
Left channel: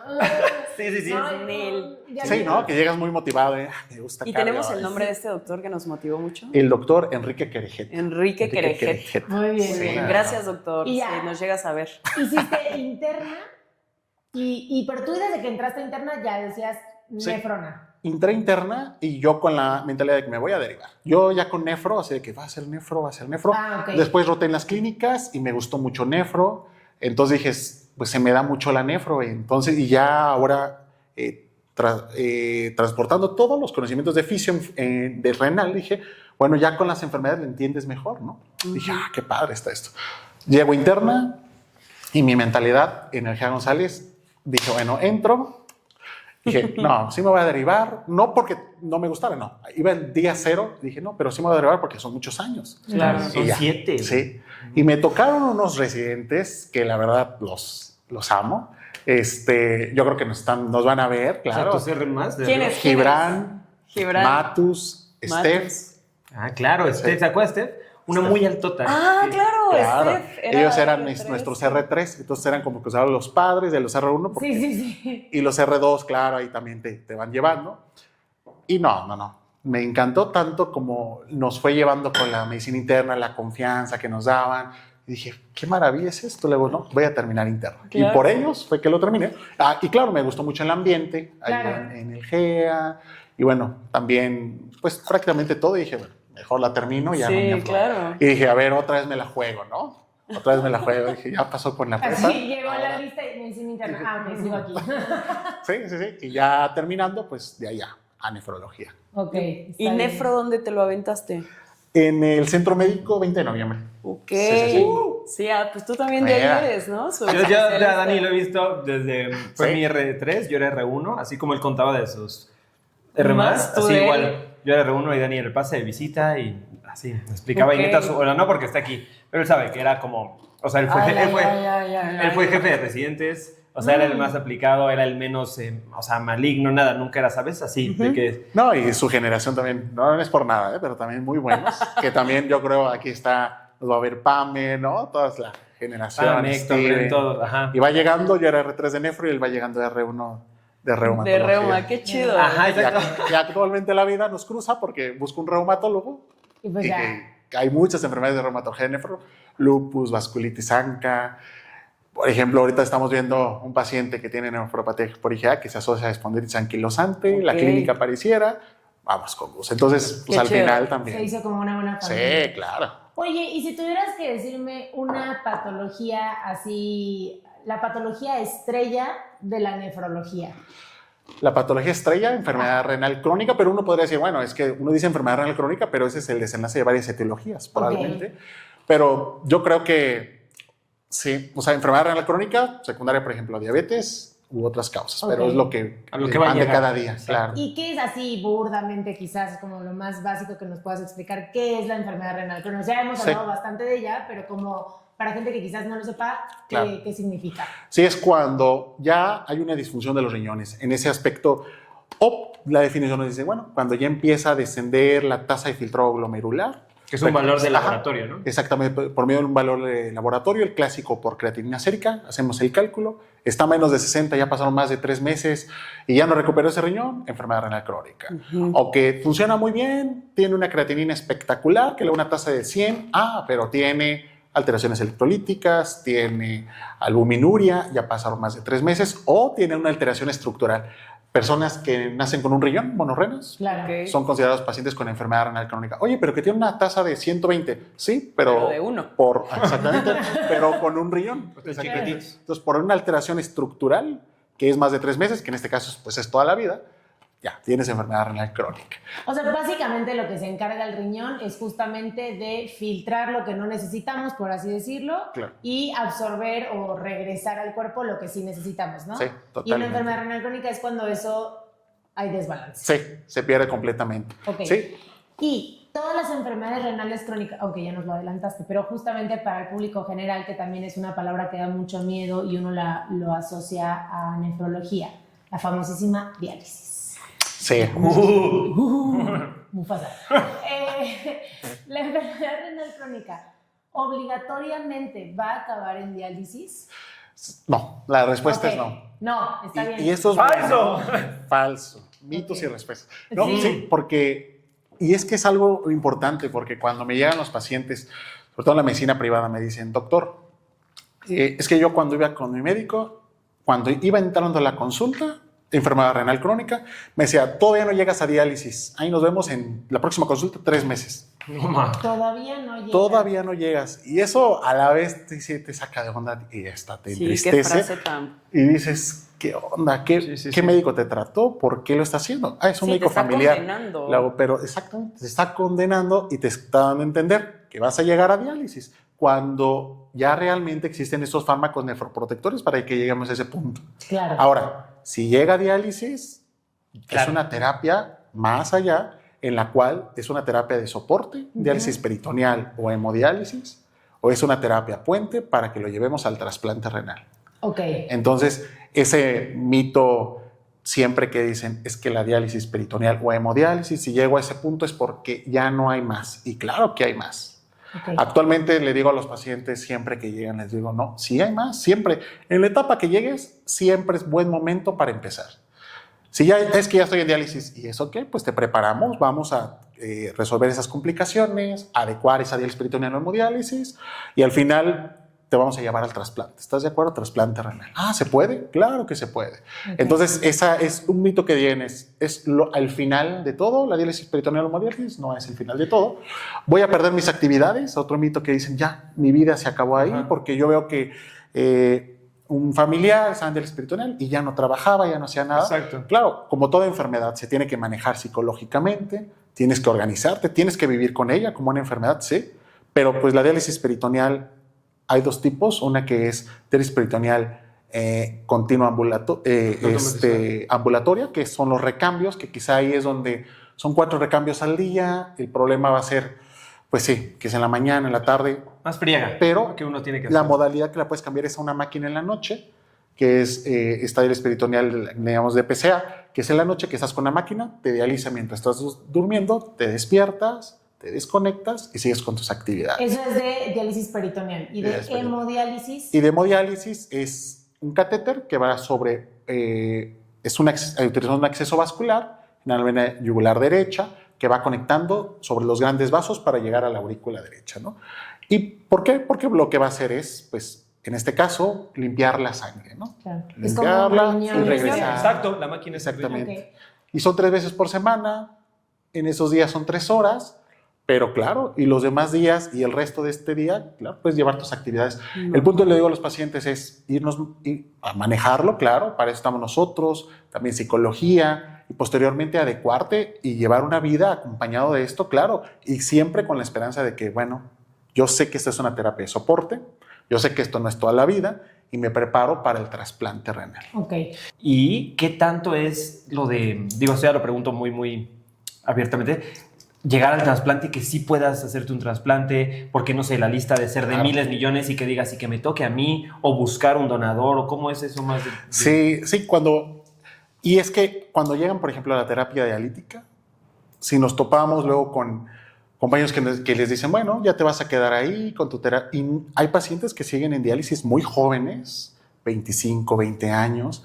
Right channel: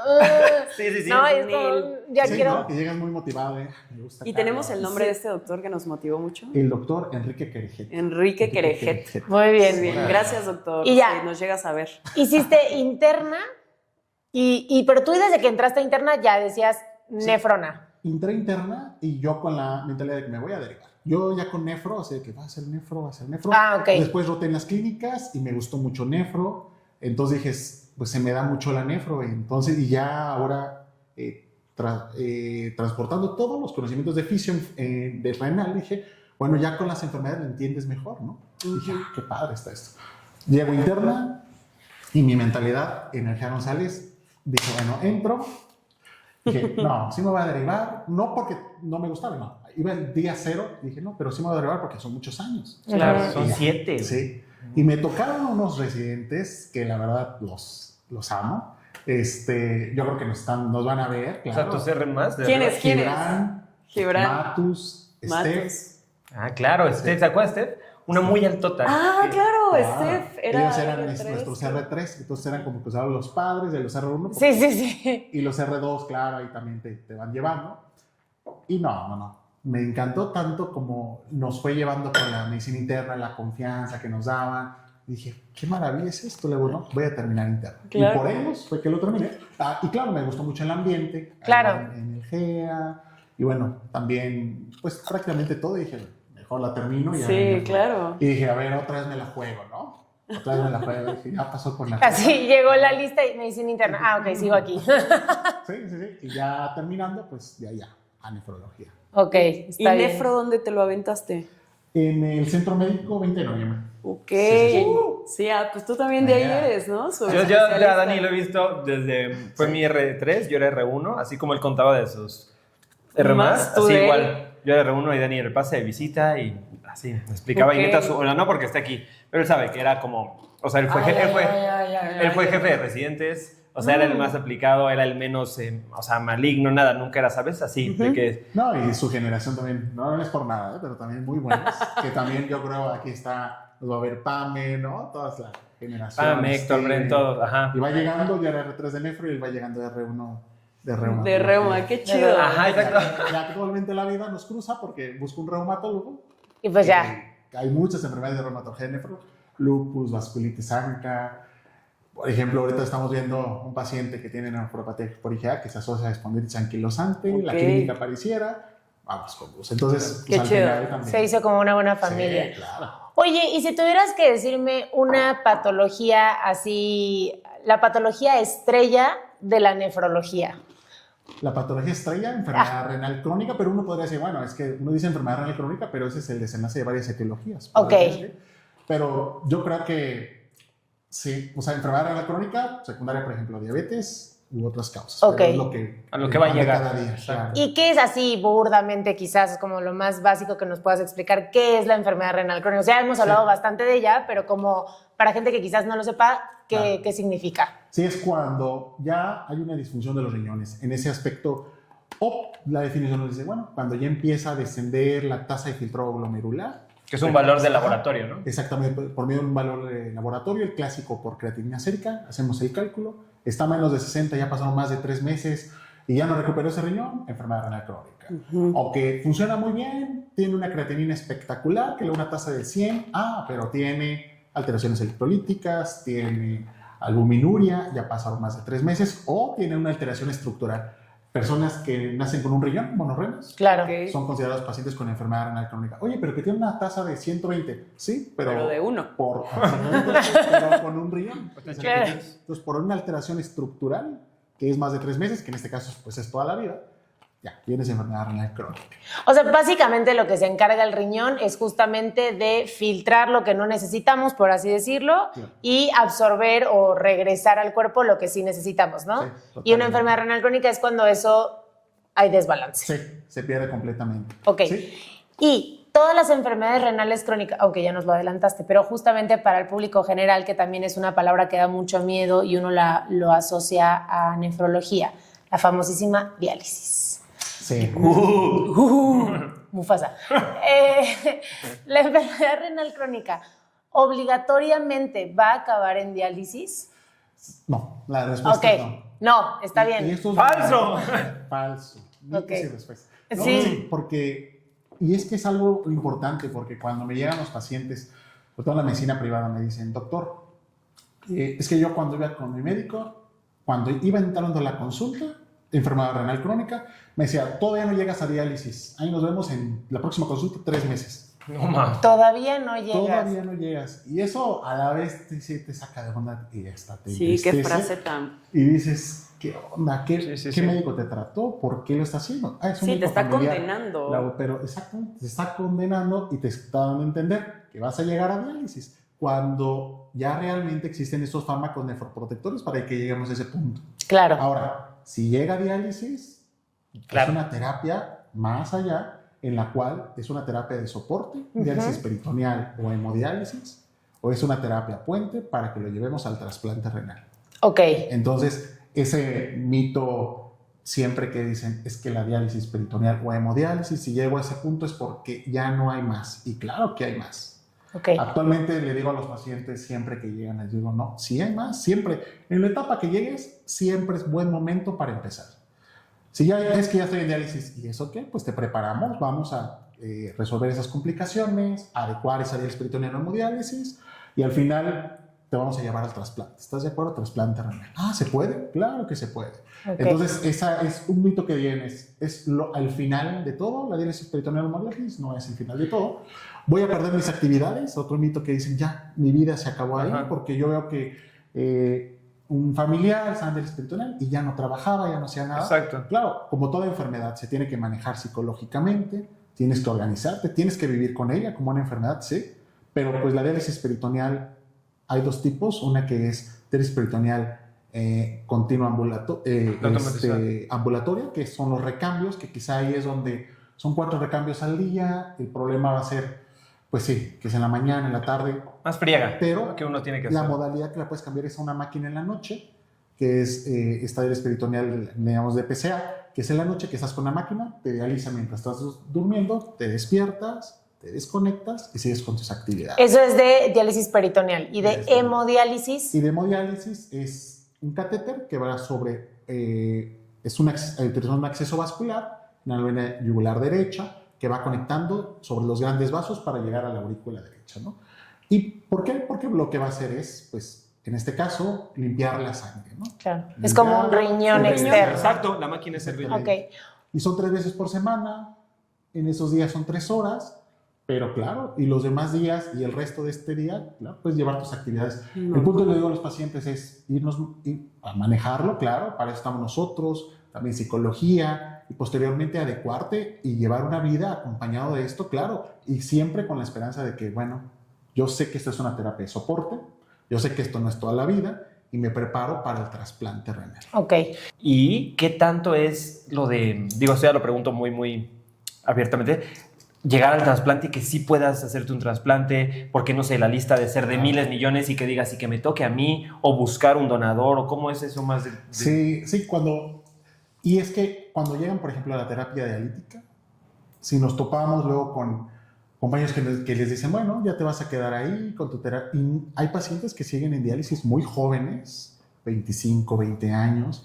Sí. No, es Nel. como, ya Sí, quiero... ¿no? Que llegas muy motivado. Me gusta. Y cardio. tenemos el nombre de este doctor que nos motivó mucho. El doctor Enrique Querejet. Enrique Querejet. Muy bien, Muy bien. Sí. Gracias, doctor. Y ya. Sí, nos llegas a ver. Hiciste interna, pero tú desde que entraste a interna ya decías nefrona. Entré interna y yo con la mentalidad de que me voy a derivar. Yo ya con nefro, así de que va a ser nefro. Ah, ok. Después roté en las clínicas y me gustó mucho nefro. Entonces dije, pues se me da mucho la nefro. Entonces, y ya ahora transportando todos los conocimientos de fisio de renal, dije, bueno, ya con las enfermedades lo entiendes mejor, ¿no? Dije, qué padre está esto. Llego interna y mi mentalidad, Energía González, dije, bueno, entro. Dije, no, sí me voy a derivar, no porque no me gustaba, no. Iba el día cero, dije, no, pero sí me voy a derivar porque son muchos años. Claro. Y Son ya. 7. Sí. Y me tocaron unos residentes que la verdad los amo. Yo creo que nos van a ver, O claro. sea, tú CR más. de ¿Quién arriba. es? Gibran, Matus, Steph. Matus. Ah, claro, Steph. ¿Se acuerdas, Steph? Una muy altota. Ah, claro, Claro. Steph. Era Ellos eran R3. nuestros R3, entonces eran como que usaban los padres de los R1. Sí. Y los R2, claro, ahí también te van llevando. Y no. Me encantó tanto como nos fue llevando con la medicina interna, la confianza que nos daban. Y dije, qué maravilla es esto. Luego, no, voy a terminar interno. Claro. Y por ellos fue que lo terminé. Y claro, me gustó mucho el ambiente. ahí Claro. en el GEA. Y bueno, también, pues prácticamente todo. Y dije, bueno, mejor la termino. Y ya Sí, no. claro. Y dije, a ver, otra vez me la juego, ¿no? Otra vez me la juego. Dije, ya pasó con la prepa. Así llegó la lista y medicina interna. Ah, ok, sigo aquí. Sí. Y ya terminando, pues de allá, a nefrología. Ok, ¿Y está bien. nefro dónde te lo aventaste? En el Centro Médico 20 de noviembre. Ok. Sí. Sí, pues tú también de ahí Mira. eres, ¿no? Yo ya a Dani lo he visto desde... Fue mi R3, yo era R1, así como él contaba de sus R+, Más tú así de él. igual. Yo era R1 y Dani era el pase de visita y así, me explicaba. Ok. Y neta, bueno, no porque esté aquí, pero él sabe que era como... O sea, él fue jefe de residentes, o sea, era el más aplicado, era el menos, o sea, maligno, nada, nunca era, ¿sabes? Así, de que... No, y su generación también, no es por nada, pero también muy buenos. Que también yo creo aquí está, nos va a ver Pame, ¿no? Todas las generaciones. Héctor, Bren, todos, ajá. Y va llegando, yo era R3 de nefro y él va llegando de R1 de reumatología. De reuma, qué chido. Ajá, exacto. Ya actualmente la vida nos cruza porque busco un reumatólogo. Y pues ya. Hay muchas enfermedades de reumatología de nefro, lupus, vasculitis ANCA. Por ejemplo, ahorita estamos viendo un paciente que tiene nefropatía por IgA que se asocia a espondilitis anquilosante, la Ok. clínica pareciera, vamos con gusto. Entonces, pues Qué al chido. final también. Se hizo como una buena familia. Sí, claro. Oye, y si tuvieras que decirme una patología así, la patología estrella de la nefrología. La patología estrella, enfermedad renal crónica, pero uno podría decir, bueno, es que uno dice enfermedad renal crónica, pero ese es el desenlace de varias etiologías, probablemente. Pero yo creo que sí, o sea, enfermedad renal crónica, secundaria, por ejemplo, diabetes u otras causas, Ok. pero es lo que, A lo que va a van de llegar. cada día, claro. ¿Y qué es así burdamente, quizás como lo más básico que nos puedas explicar? ¿Qué es la enfermedad renal crónica? O sea, hemos hablado bastante de ella, pero como para gente que quizás no lo sepa, ¿qué, Claro. qué significa? Sí, es cuando ya hay una disfunción de los riñones. En ese aspecto, o la definición nos dice, bueno, cuando ya empieza a descender la tasa de filtrado glomerular. Que es un valor de Ajá. laboratorio, ¿no? Exactamente, por medio de un valor de laboratorio, el clásico por creatinina sérica, hacemos el cálculo, está a menos de 60, ya pasaron más de 3 meses y ya no recuperó ese riñón, enfermedad renal crónica. O que funciona muy bien, tiene una creatinina espectacular, que le da una tasa de 100, pero tiene alteraciones electrolíticas, tiene albuminuria, ya pasaron más de 3 meses, o tiene una alteración estructural. personas que nacen con un riñón, monorrenas. Claro. Ok. Son considerados pacientes con enfermedad renal crónica. Oye, pero que tiene una tasa de 120. Sí, pero de uno. Exactamente, pero con un riñón. Claro. Entonces, por una alteración estructural, que es más de 3 meses, que en este caso pues, es toda la vida, ya tienes enfermedad renal crónica. O sea, básicamente lo que se encarga el riñón es justamente de filtrar lo que no necesitamos, por así decirlo, Claro. y absorber o regresar al cuerpo lo que sí necesitamos, ¿no? Sí, Y una totalmente. enfermedad renal crónica es cuando eso hay desbalance. Sí, se pierde completamente. Ok. Sí, Y todas las enfermedades renales crónicas, aunque ya nos lo adelantaste, pero justamente para el público general, que también es una palabra que da mucho miedo y uno lo asocia a nefrología, la famosísima diálisis. sí. Mufasa. La enfermedad renal crónica obligatoriamente va a acabar en diálisis. No, la respuesta Ok. es no. No, está bien. Y eso es ¡Falso! falso. Mitos Ok. y respuestas. No, Sí. sí, porque, y es que es algo importante, porque cuando me llegan los pacientes, sobre todo en la medicina privada, me dicen, doctor, es que yo cuando iba con mi médico, cuando iba entrando a la consulta, enfermedad renal crónica, me decía, todavía no llegas a diálisis, ahí nos vemos en la próxima consulta 3 meses. No, ma. Todavía no llega. Todavía no llegas. Y eso a la vez te saca de onda y hasta te Sí, entristece. qué frase tan... Y dices, ¿qué onda? ¿Qué, Sí, sí, ¿qué sí. médico te trató? ¿Por qué lo está haciendo? Ah, es un Sí, te médico está familiar. condenando. Pero exactamente, te está condenando y te está dando a entender que vas a llegar a diálisis cuando ya realmente existen estos fármacos nefroprotectores para que lleguemos a ese punto. Claro. Ahora, si llega a diálisis, es Claro. una terapia más allá en la cual es una terapia de soporte, diálisis peritoneal o hemodiálisis, o es una terapia puente para que lo llevemos al trasplante renal. Ok. Entonces, ese mito siempre que dicen es que la diálisis peritoneal o hemodiálisis, si llego a ese punto es porque ya no hay más. Y claro que hay más. Ok. Actualmente le digo a los pacientes siempre que llegan, les digo, no, sí hay más, siempre. En la etapa que llegues, siempre es buen momento para empezar. Si ya es que ya estoy en diálisis y eso qué, pues te preparamos, vamos a resolver esas complicaciones, adecuar esa diálisis peritoneal o hemodiálisis y al final te vamos a llevar al trasplante. ¿Estás de acuerdo? Trasplante renal. Ah, ¿se puede? Claro que se puede. Ok. Entonces, esa es un mito que tienes. Es al final de todo, la diálisis peritoneal o hemodiálisis no es el final de todo. Voy a perder mis actividades. Otro mito que dicen, ya, mi vida se acabó ahí, Ajá. porque yo veo que un familiar estaba en diálisis peritoneal y ya no trabajaba, ya no hacía nada. Exacto. Claro, como toda enfermedad, se tiene que manejar psicológicamente, tienes que organizarte, tienes que vivir con ella como una enfermedad, sí. Pero pues la diálisis peritoneal hay 2 tipos, una que es diálisis peritoneal continua ambulatoria, que son los recambios, que quizá ahí es donde son 4 recambios al día, el problema va a ser, pues sí, que es en la mañana, en la tarde, Más friega. pero que uno tiene que la hacer. modalidad que la puedes cambiar es a una máquina en la noche, que es esta diálisis peritoneal, digamos, de PCA, que es en la noche que estás con la máquina, te dializa mientras estás durmiendo, te despiertas, te desconectas y sigues con tus actividades. Eso es de diálisis peritoneal. Y de Diálisis peritoneal. hemodiálisis. Y de hemodiálisis es un catéter que va sobre, utilizando un acceso vascular en la vena yugular derecha, que va conectando sobre los grandes vasos para llegar a la aurícula derecha, ¿no? ¿Y por qué? Porque lo que va a hacer es, pues, en este caso, limpiar la sangre, ¿no? Claro. Es como un Limpiarla, riñón y regresar. externo. Exacto, la máquina es el riñón. Exactamente. Ok. Y son 3 veces por semana, en esos días son 3 horas, pero claro, y los demás días y el resto de este día, claro, puedes llevar tus actividades. El punto que le digo a los pacientes es irnos a manejarlo, claro, para eso estamos nosotros, también psicología, y posteriormente adecuarte y llevar una vida acompañado de esto, claro, y siempre con la esperanza de que, bueno, yo sé que esta es una terapia de soporte, yo sé que esto no es toda la vida, y me preparo para el trasplante renal. Ok. ¿Y qué tanto es lo de, digo, esto ya lo pregunto muy, muy abiertamente, llegar al trasplante y que sí puedas hacerte un trasplante, porque no sé, la lista de ser de Claro. miles, millones y que digas y que me toque a mí, o buscar un donador, o cómo es eso más de... Sí, sí, y es que cuando llegan, por ejemplo, a la terapia dialítica, si nos topamos luego con compañeros que les dicen, bueno, ya te vas a quedar ahí con tu terapia, y hay pacientes que siguen en diálisis muy jóvenes, 25, 20 años,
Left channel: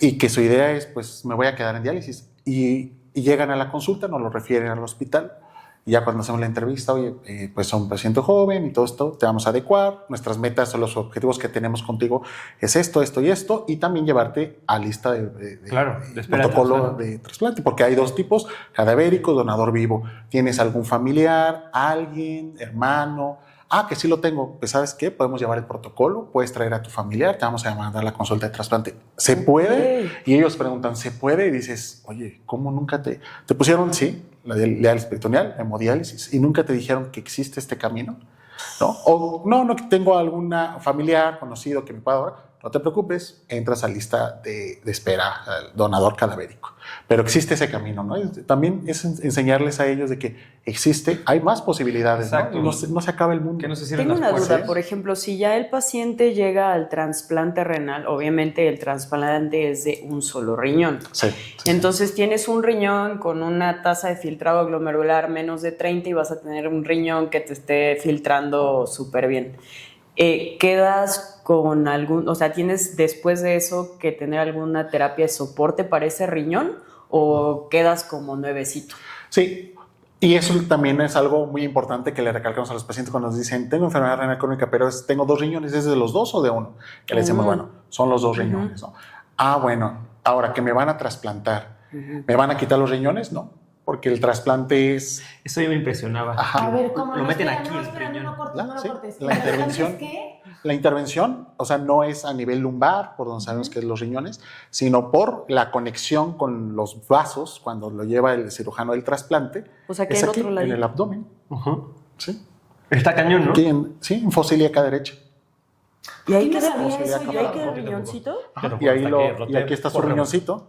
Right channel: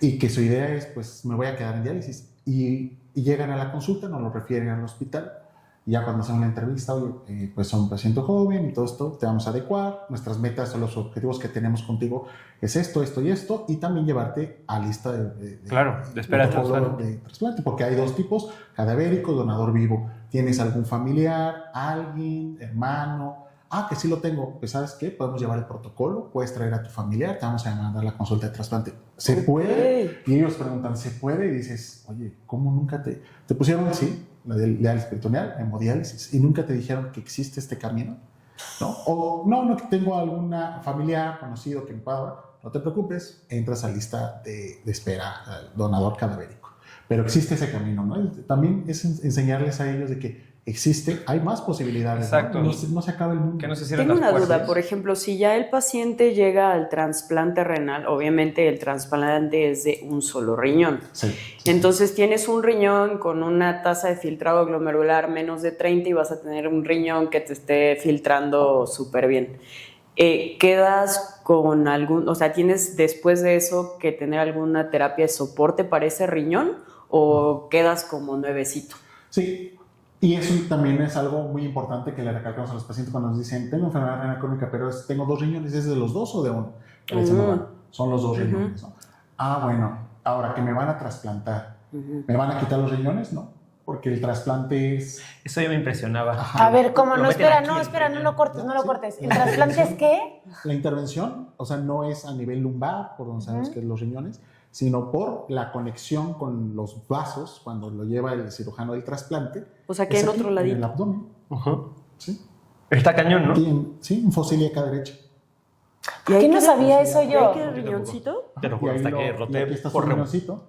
y que su idea es, pues, me voy a quedar en diálisis, y llegan a la consulta, nos lo refieren al hospital, Y ya cuando hacemos la entrevista, oye, pues son un paciente joven y todo esto, te vamos a adecuar. Nuestras metas o los objetivos que tenemos contigo es esto, esto y esto. Y también llevarte a lista de espera protocolo de trasplante, porque hay 2 tipos, cadavérico, donador vivo. ¿Tienes algún familiar, alguien, hermano? Que sí lo tengo. Pues ¿sabes qué? Podemos llevar el protocolo, puedes traer a tu familiar, te vamos a mandar la consulta de trasplante. ¿Se puede? Y ellos preguntan, ¿se puede? Y dices, oye, ¿cómo nunca te pusieron? Sí, la diálisis peritoneal, hemodiálisis, y nunca te dijeron que existe este camino, ¿no? O no tengo alguna familiar, conocido que me pueda dar. No te preocupes, entras a lista de espera al donador cadavérico. Pero existe ese camino, ¿no? También es enseñarles a ellos de que existe, hay más posibilidades. Exacto. No se acaba el mundo. Que no se cierren Tengo las una puertas. duda, por ejemplo, si ya el paciente llega al trasplante renal, obviamente el trasplante es de un solo riñón. Sí. Entonces tienes un riñón con una tasa de filtrado glomerular menos de 30 y vas a tener un riñón que te esté filtrando súper bien. ¿Quedas con algún, o sea, tienes después de eso que tener alguna terapia de soporte para ese riñón o quedas como nuevecito? Sí, y eso también es algo muy importante que le recalcamos a los pacientes cuando nos dicen, tengo enfermedad renal crónica, pero tengo 2 riñones, ¿es de los 2 o de 1? Que le decimos, bueno, son los 2 riñones, ¿no? Bueno, ahora que me van a trasplantar, ¿me van a quitar los riñones? No, porque el trasplante es... Eso ya me impresionaba. A ver, ¿cómo? Lo No, meten espera, aquí, no, el espera, riñón. no lo cortes, no lo Sí, cortes. la ¿Trasplante es intervención. qué? La intervención, o sea, no es a nivel lumbar, por donde sabemos que es los riñones, sino por la conexión con los vasos cuando lo lleva el cirujano del trasplante. O sea, que es en aquí, otro ladito. en el abdomen. Ujú. Sí. Está cañón, ¿no? Aquí en fosil acá derecha. ¿Y Aquí no sabía eso ¿Y yo. ahí queda el riñoncito? Te lo Y, juro, ahí hasta que roté y aquí está su por remo. riñoncito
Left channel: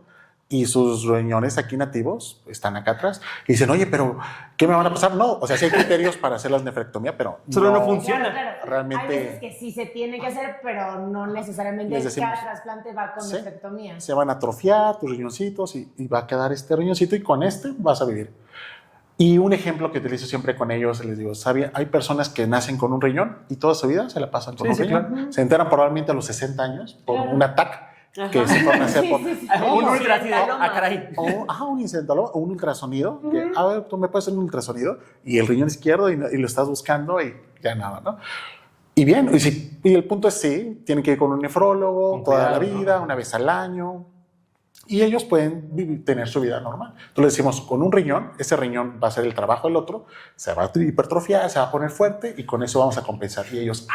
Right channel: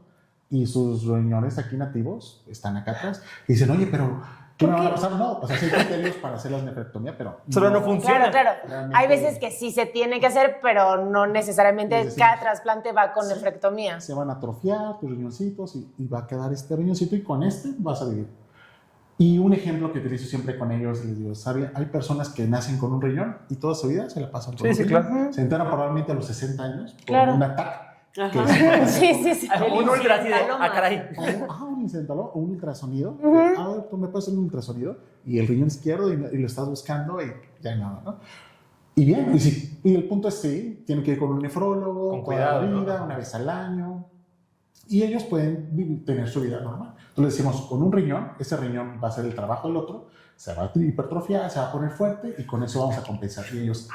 y sus riñones aquí nativos están acá atrás. Y dicen, oye, pero ¿qué me van a pasar? No, o sea, sí hay criterios para hacer la nefrectomía, pero Solo no funciona. Claro. Realmente- Hay veces que sí se tiene que hacer, pero no necesariamente Les decimos, cada trasplante va con sí, nefrectomía. se van a atrofiar tus riñoncitos y va a quedar este riñoncito y con este vas a vivir. Y un ejemplo que utilizo siempre con ellos, les digo, ¿sabía? Hay personas que nacen con un riñón y toda su vida se la pasan con Sí, un sí, riñón. claro. Se enteran probablemente a los 60 años por Claro. un ataque que Ajá. se puede hacer Sí, por- sí, sí. Un ultra así de, Incidentaloma. caray. un incidentaloma o un ultrasonido. A ver, tú me puedes hacer un ultrasonido y el riñón izquierdo y lo estás buscando y ya nada, ¿no? Y bien, y el punto es sí, tienen que ir con un nefrólogo Con toda cuidado, la vida, ¿no? una vez al año. Y ellos pueden tener su vida normal. Entonces le decimos, con un riñón, ese riñón va a hacer el trabajo del otro, se va a hipertrofiar, se va a poner fuerte y con eso vamos a compensar. Y ellos,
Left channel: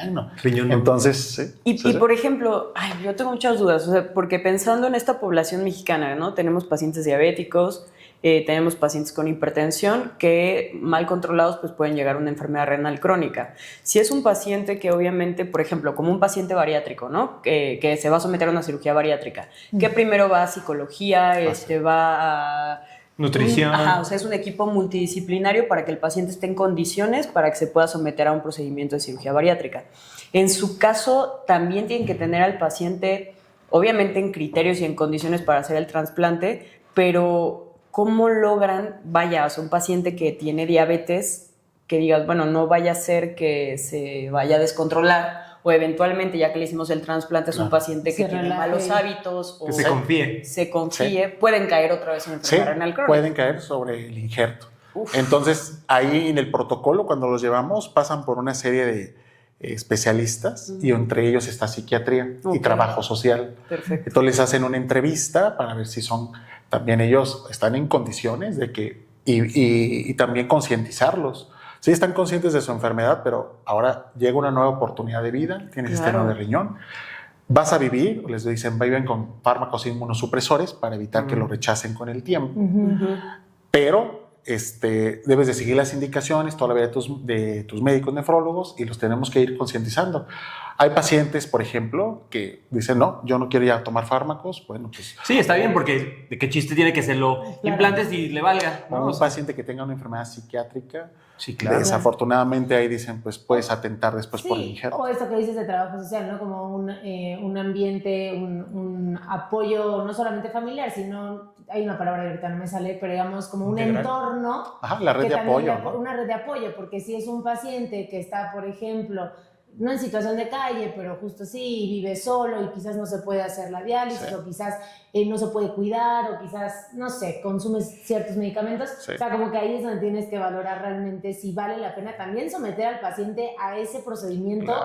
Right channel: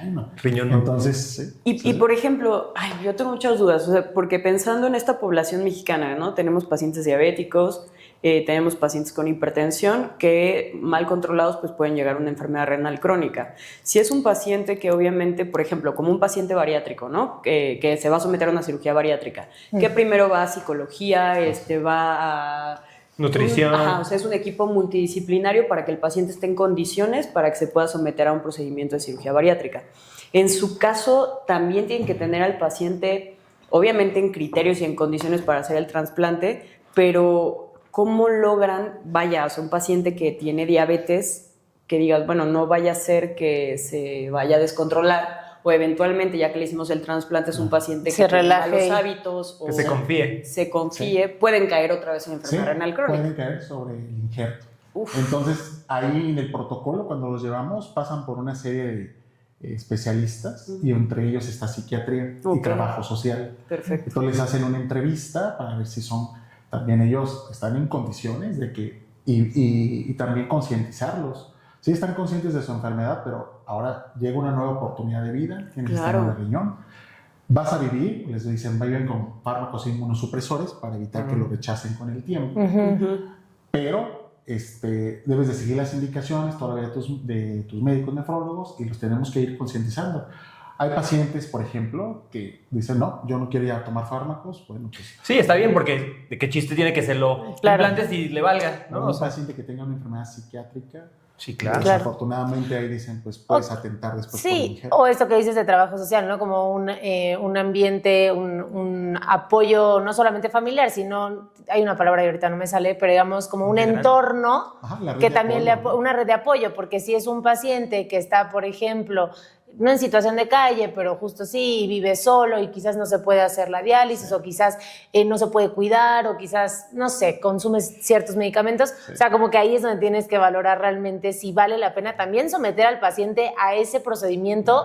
bueno. Riñón no. Entonces, sí. Y por ejemplo, yo tengo muchas dudas, o sea, porque pensando en esta población mexicana, ¿no? Tenemos pacientes diabéticos, tenemos pacientes con hipertensión que mal controlados pues pueden llegar a una enfermedad renal crónica. Si es un paciente que obviamente, por ejemplo, como un paciente bariátrico, ¿no? Que se va a someter a una cirugía bariátrica, que primero va a psicología, va a... Nutrición. O sea, es un equipo multidisciplinario para que el paciente esté en condiciones para que se pueda someter a un procedimiento de cirugía bariátrica. En su caso, también tienen que tener al paciente, obviamente en criterios y en condiciones para hacer el trasplante, pero ¿cómo logran, o sea, un paciente que tiene diabetes, que digas, bueno, no vaya a ser que se vaya a descontrolar o eventualmente, ya que le hicimos el trasplante, es un paciente que Se tiene relaje. malos hábitos o Que se confíe. se confíe, pueden caer otra vez en Sí, enfermedad renal crónica. pueden caer sobre el injerto. Uf. Entonces, ahí en el protocolo, cuando los llevamos, pasan por una serie de especialistas y entre ellos está psiquiatría y Ok. trabajo social. Perfecto. Entonces les hacen una entrevista para ver si son, también ellos están en condiciones de que, y también concientizarlos. Sí están conscientes de su enfermedad, pero ahora llega una nueva oportunidad de vida, tienes este Claro. nuevo riñón. Vas a vivir, les dicen, viven con fármacos inmunosupresores para evitar que lo rechacen con el tiempo. Pero debes de seguir las indicaciones todavía de tus médicos nefrólogos y los tenemos que ir concientizando. Hay pacientes, por ejemplo, que dicen, no, yo no quiero ya tomar fármacos. Bueno, pues Sí, está bien, porque de qué chiste tiene que se lo Claro. implantes y le valga, ¿no? un O sea, paciente que tenga una enfermedad psiquiátrica, sí, claro. desafortunadamente ahí dicen, pues puedes atentar después por el Sí, injerto. o esto que dices de trabajo social, ¿no? Como un ambiente, un apoyo no solamente familiar, sino, hay una palabra que ahorita no me sale, pero digamos como un Integral. entorno Ajá, la red que de también apoyo, ¿no? una red de apoyo, porque si es un paciente que está, por ejemplo, no en situación de calle, pero justo sí, vive solo y quizás no se puede hacer la diálisis o quizás no se puede cuidar o quizás, no sé, consumes ciertos medicamentos. O sea, como que ahí es donde tienes que valorar realmente si vale la pena también someter al paciente a ese procedimiento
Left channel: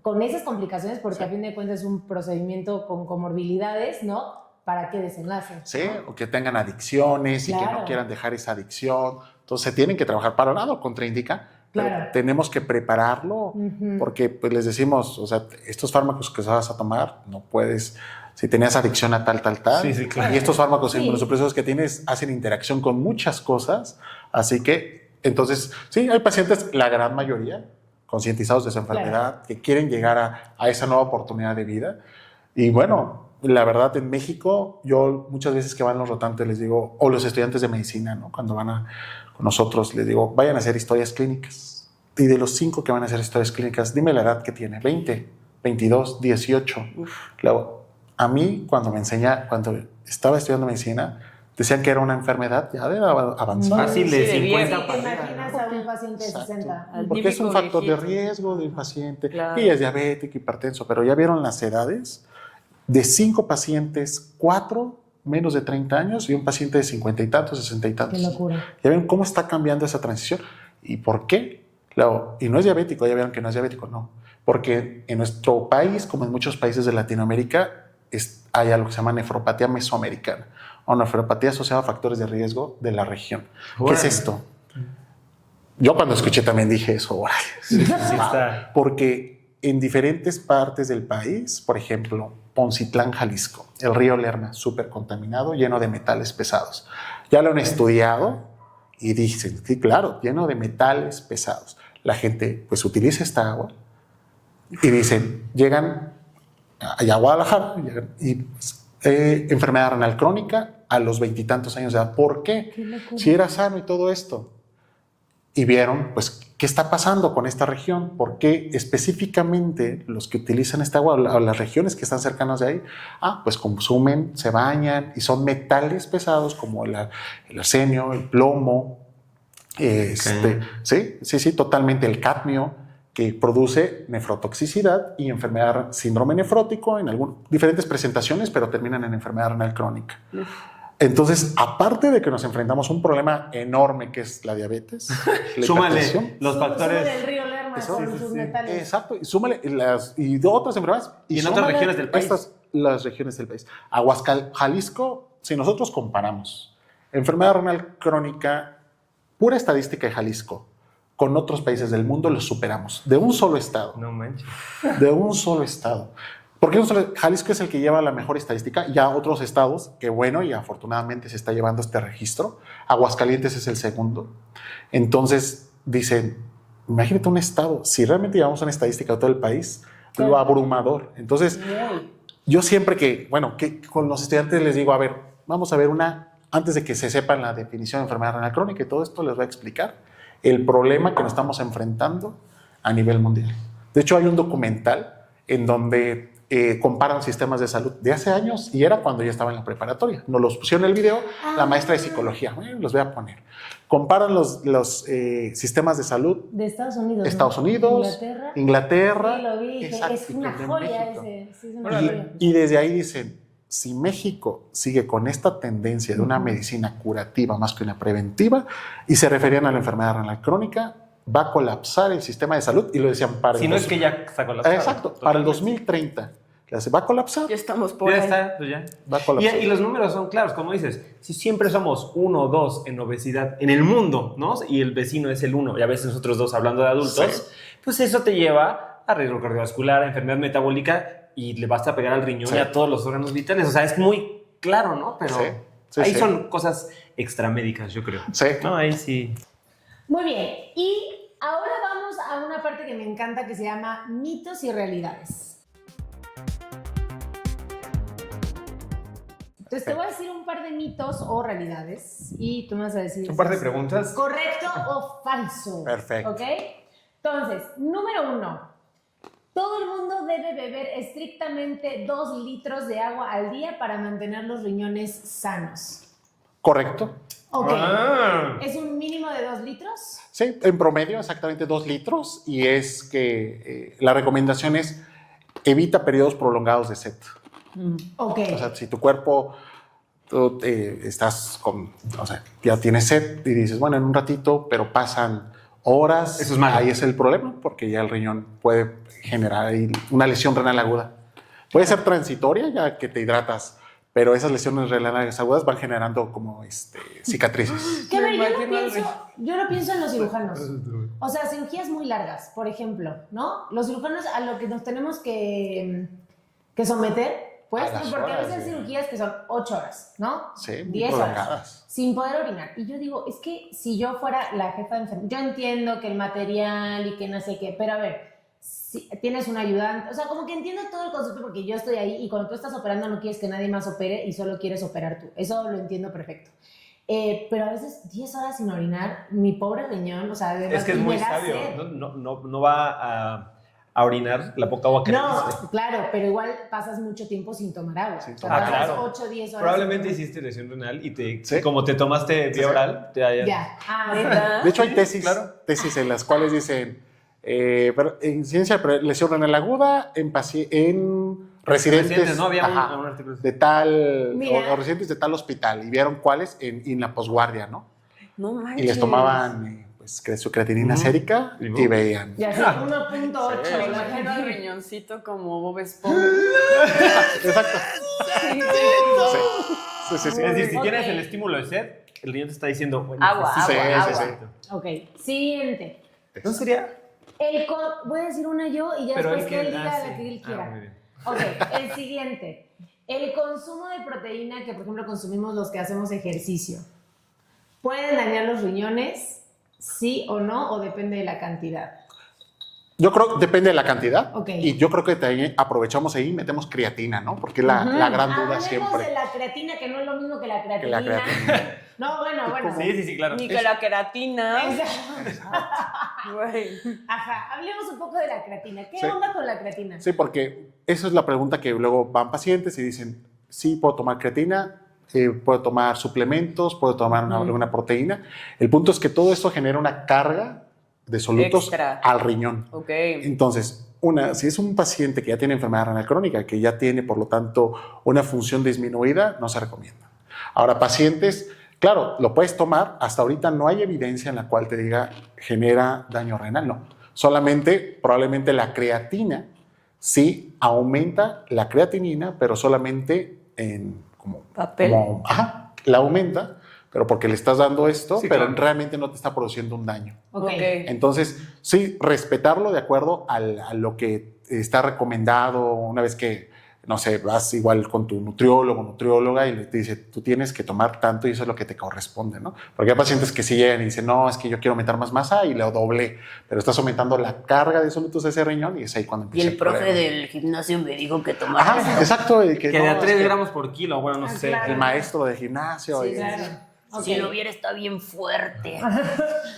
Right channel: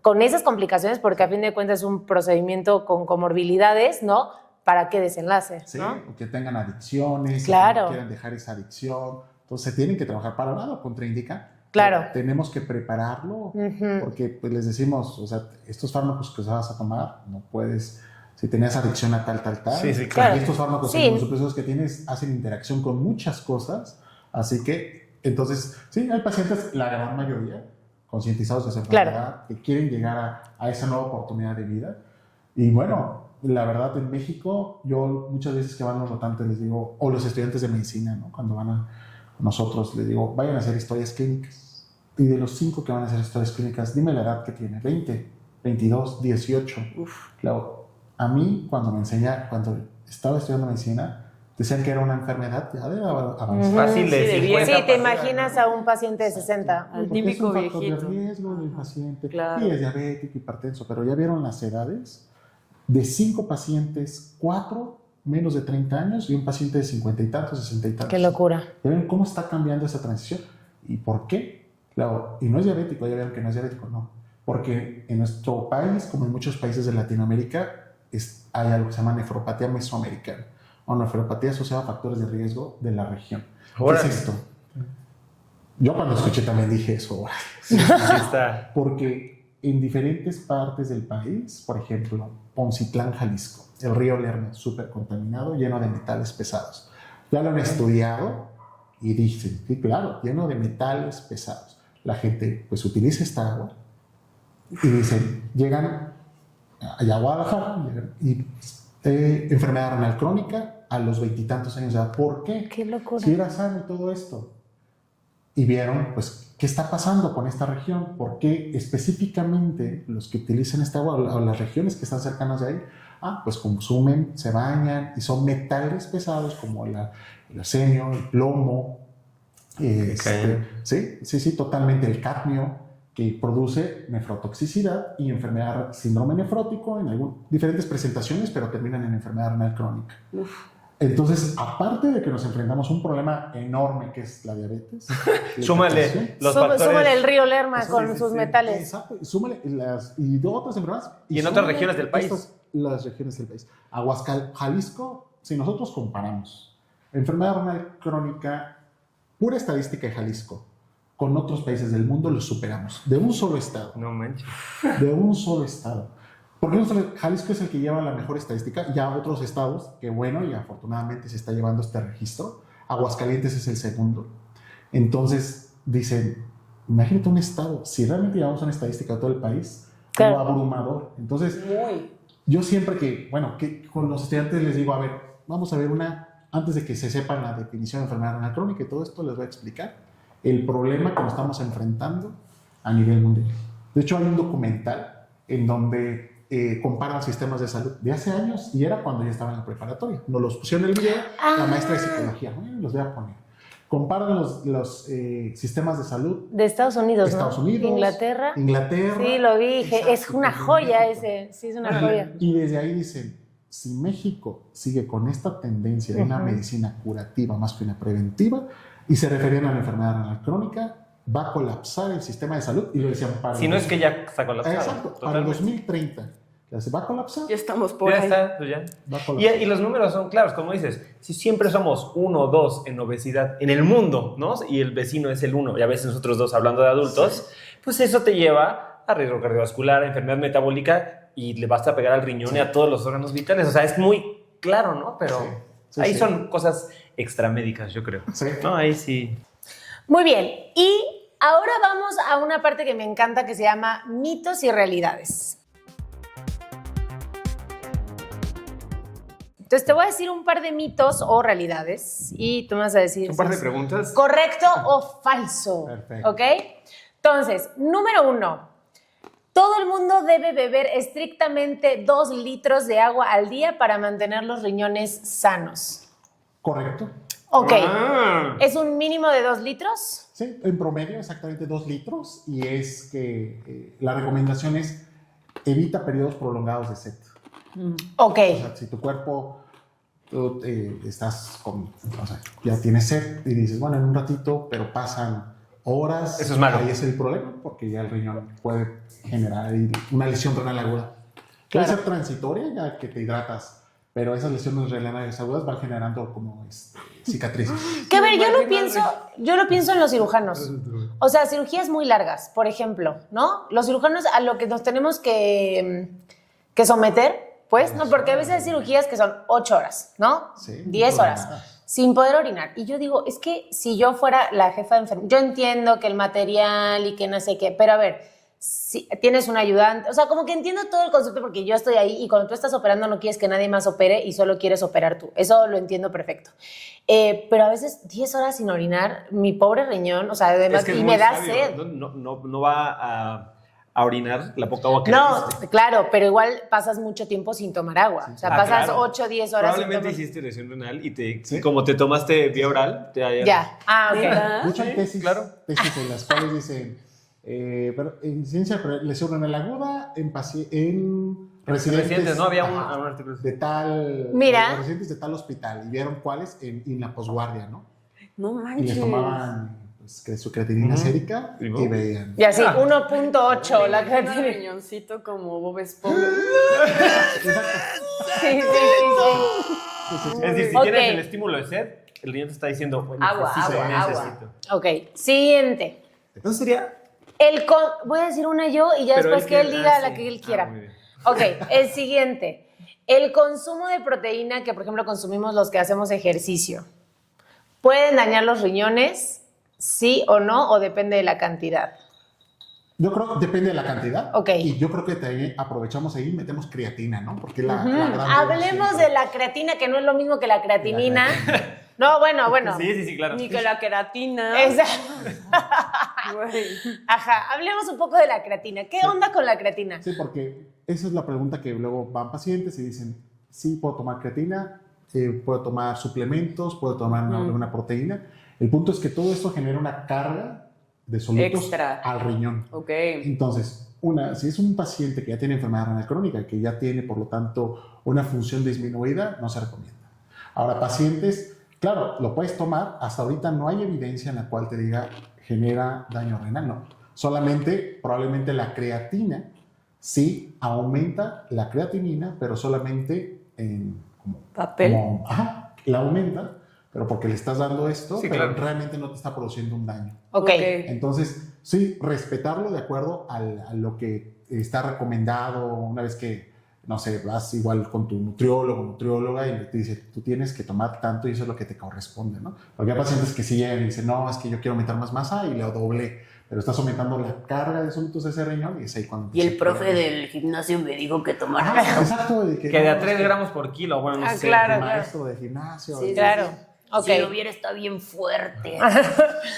con esas complicaciones, porque a fin de cuentas es un procedimiento con comorbilidades, ¿no? ¿Para qué desenlace? Sí, ¿no? o que tengan adicciones y que no quieran dejar esa adicción. Entonces, tienen que trabajar para nada, contraindica. Claro. Tenemos que prepararlo porque pues les decimos, o sea, estos fármacos que vas a tomar, no puedes, si tenías adicción a tal. Sí, claro. Y estos fármacos inmunosupresores que tienes hacen interacción con muchas cosas. Así que, entonces, sí, hay pacientes, la gran mayoría, concientizados de su enfermedad, que quieren llegar a esa nueva oportunidad de vida. Y bueno, la verdad, en México, yo muchas veces que van los rotantes les digo, o los estudiantes de medicina, ¿no? Cuando van con nosotros, les digo, vayan a hacer historias clínicas. Y de los 5 que van a hacer historias clínicas, dime la edad que tiene, 20, 22, 18. Claro, a mí, cuando estaba estudiando medicina, decían que era una enfermedad ya de avanzada. Fácil de 50. Sí, te imaginas a un paciente de 60. Porque es un factor de riesgo del paciente. Claro. Y es diabético, hipertenso, pero ya vieron las edades. De 5 pacientes, 4 menos de 30 años y un paciente de 50 y tantos, 60 y tantos. Qué locura. Ya ven cómo está cambiando esa transición. ¿Y por qué? Claro, y no es diabético, ya vieron que no es diabético, no. Porque en nuestro país, como en muchos países de Latinoamérica, hay algo que se llama nefropatía mesoamericana o nefropatía asociada a factores de riesgo de la región. ¿Qué es esto? Yo cuando escuché también dije eso. órale. Sí está. Porque en diferentes partes del país, por ejemplo, Poncitlán, Jalisco, el río Lerma, súper contaminado, lleno de metales pesados. Ya lo han estudiado y dicen, sí, claro, lleno de metales pesados. La gente pues utiliza esta agua y dicen, llegan allá a Guadalajara y enfermedad renal crónica a los 20 y tantos años de edad. ¿Por qué? Qué locura. Si era sano y todo esto. Y vieron, pues, qué está pasando con esta región, por qué específicamente los que utilizan esta agua o las regiones que están cercanas de ahí, pues consumen, se bañan y son metales pesados como el arsenio, el plomo, sí, totalmente el cadmio, que produce nefrotoxicidad y enfermedad, síndrome nefrótico en diferentes presentaciones, pero terminan en enfermedad renal crónica. Entonces, aparte de que nos enfrentamos a un problema enorme que es la diabetes, súmale los factores. Súmale el río Lerma con sus metales. Exacto, y súmale y de otras enfermedades. Y en otras regiones del país. Las regiones del país. Jalisco, si nosotros comparamos enfermedad renal crónica, pura estadística de Jalisco, con otros países del mundo, los superamos. De un solo estado. No manches. De un solo estado. Porque Jalisco es el que lleva la mejor estadística, ya otros estados, que bueno, y afortunadamente se está llevando este registro. Aguascalientes es el segundo. Entonces, dicen, imagínate un estado, si realmente llevamos una estadística de todo el país, lo abrumador. Entonces, yo siempre que con los estudiantes les digo, a ver, vamos a ver antes de que se sepan la definición de enfermedad renal crónica y todo esto, les voy a explicar el problema que nos estamos enfrentando a nivel mundial. De hecho, hay un documental en donde comparan sistemas de salud de hace años y era cuando yo estaba en la preparatoria. Nos los pusieron en el video la maestra de psicología. Los voy a poner. Comparan los sistemas de salud de Estados Unidos. Estados ¿no? Unidos. Inglaterra. Sí, lo vi. Exacto, es una joya ese. Sí, es una joya. Y desde ahí dicen, si México sigue con esta tendencia de una medicina curativa más que una preventiva, y se referían a la enfermedad renal crónica, va a colapsar el sistema de salud, y lo decían para... Si no es que ya está colapsado. Exacto, totalmente. para el 2030. Va a colapsar. Ya estamos por ya ahí. está, pues ya. Va a colapsar. Y los números son claros, como dices, si siempre somos 1 o 2 en obesidad en el mundo, ¿no? Y el vecino es el 1, y a veces nosotros 2 hablando de adultos, pues eso te lleva a riesgo cardiovascular, a enfermedad metabólica, y le basta pegar al riñón y a todos los órganos vitales. O sea, es muy claro, ¿no? Pero ahí son cosas extramédicas, yo creo. Sí. No, ahí sí. Muy bien. Y ahora vamos a una parte que me encanta que se llama mitos y realidades. Entonces te voy a decir un par de mitos o realidades y tú me vas a decir... Un par de preguntas. ¿Correcto o falso? Perfecto. ¿Ok? Entonces, número 1. Todo el mundo debe beber estrictamente 2 litros de agua al día para mantener los riñones sanos. Correcto. Ok. Ah. ¿Es un mínimo de 2 litros? Sí, en promedio exactamente 2 litros y es que la recomendación es evita periodos prolongados de sed. Ok. O sea, si tu cuerpo, tú, estás con, o sea, ya tienes sed y dices, bueno, en un ratito, pero pasan horas. Eso es malo. Ahí es el problema porque ya el riñón puede generar ahí una lesión renal aguda. Puede ser transitoria ya que te hidratas, pero esas lesiones renales agudas van generando como cicatrices. Que a ver, yo lo pienso en los cirujanos. O sea, cirugías muy largas, por ejemplo, ¿no? Los cirujanos a lo que nos tenemos que someter, pues, A ¿no? las Porque a horas, veces hay ¿no? cirugías que son 8 horas, ¿no? Sí, 10 horas, prolongadas. sin poder orinar. Y yo digo, es que si yo fuera la jefa de enfermería, yo entiendo que el material y que no sé qué, pero a ver, si tienes un ayudante, o sea, como que entiendo todo el concepto porque yo estoy ahí y cuando tú estás operando no quieres que nadie más opere y solo quieres operar tú. Eso lo entiendo perfecto. Pero a veces 10 horas sin orinar, mi pobre riñón, o sea, además, Es que es y muy me da sabio. sed. No va a orinar la poca agua que le No, diste. claro, pero igual pasas mucho tiempo sin tomar agua. O sea, pasas claro. 8 o 10 horas. Probablemente sin tomar- hiciste lesión renal y Sí. como te tomaste vía oral, te hayan... Ya. Ah, ok. ¿Neta? De hecho, hay tesis, claro. tesis en las cuales dicen incidencia de lesión renal aguda en residentes, ¿no? Había ajá, un artículo. de tal, Mira. o residentes de tal hospital y vieron cuáles en la posguardia, ¿no? No Y manches. les tomaban su creatinina sérica Y y veían. Y así, 1.8 Me la imagino al gente. riñoncito como Bob Esponja. Exacto. Sí, sí, Sí, sí, sí. Es decir, si Ok. tienes el estímulo de sed, el riñón te está diciendo... bueno, Agua, necesito agua, ese agua. efecto. Ok, siguiente. ¿No sería...? Voy a decir una yo y ya Pero después que él diga la sí. que él quiera. Muy bien. Ok, el siguiente. El consumo de proteína que, por ejemplo, consumimos los que hacemos ejercicio, ¿pueden dañar los riñones? ¿Sí o no? ¿O depende de la cantidad? Yo creo que depende de la cantidad. Ok. Y yo creo que también aprovechamos ahí y metemos creatina, ¿no? Porque la gran duda Hablemos siempre. de la creatina, que no es lo mismo que la creatinina. creatinina. No, bueno. Sí, claro. Ni que la queratina. Exacto. Güey. Ajá, hablemos un poco de la creatina. ¿Qué Sí. onda con la creatina? Sí, porque esa es la pregunta que luego van pacientes y dicen, sí, puedo tomar creatina, puedo tomar suplementos, puedo tomar alguna proteína. El punto es que todo esto genera una carga de solutos Extra. al riñón. Ok. Entonces, si es un paciente que ya tiene enfermedad renal crónica, que ya tiene, por lo tanto, una función disminuida, no se recomienda. Ahora, pacientes, claro, lo puedes tomar, hasta ahorita no hay evidencia en la cual te diga genera daño renal, no. Solamente, probablemente la creatina sí aumenta la creatinina, pero solamente en Papel. Ajá, la aumenta, pero porque le estás dando esto, Sí, pero claro. realmente no te está produciendo un daño. Ok. Entonces, sí, respetarlo de acuerdo a lo que está recomendado una vez que, no sé, vas igual con tu nutriólogo, nutrióloga y te dice, tú tienes que tomar tanto y eso es lo que te corresponde, ¿no? Porque hay pacientes que sí llegan y dicen, no, es que yo quiero aumentar más masa y le doble, pero estás aumentando la carga de solutos de ese riñón y es ahí cuando Y empieza el profe problema. del gimnasio me dijo que tomara. Ajá, exacto. y Que de a no, 3 es que gramos por kilo, bueno, no Ah, sé. claro. el maestro de gimnasio. Sí, y- Claro. Ok. Si lo viera está bien fuerte.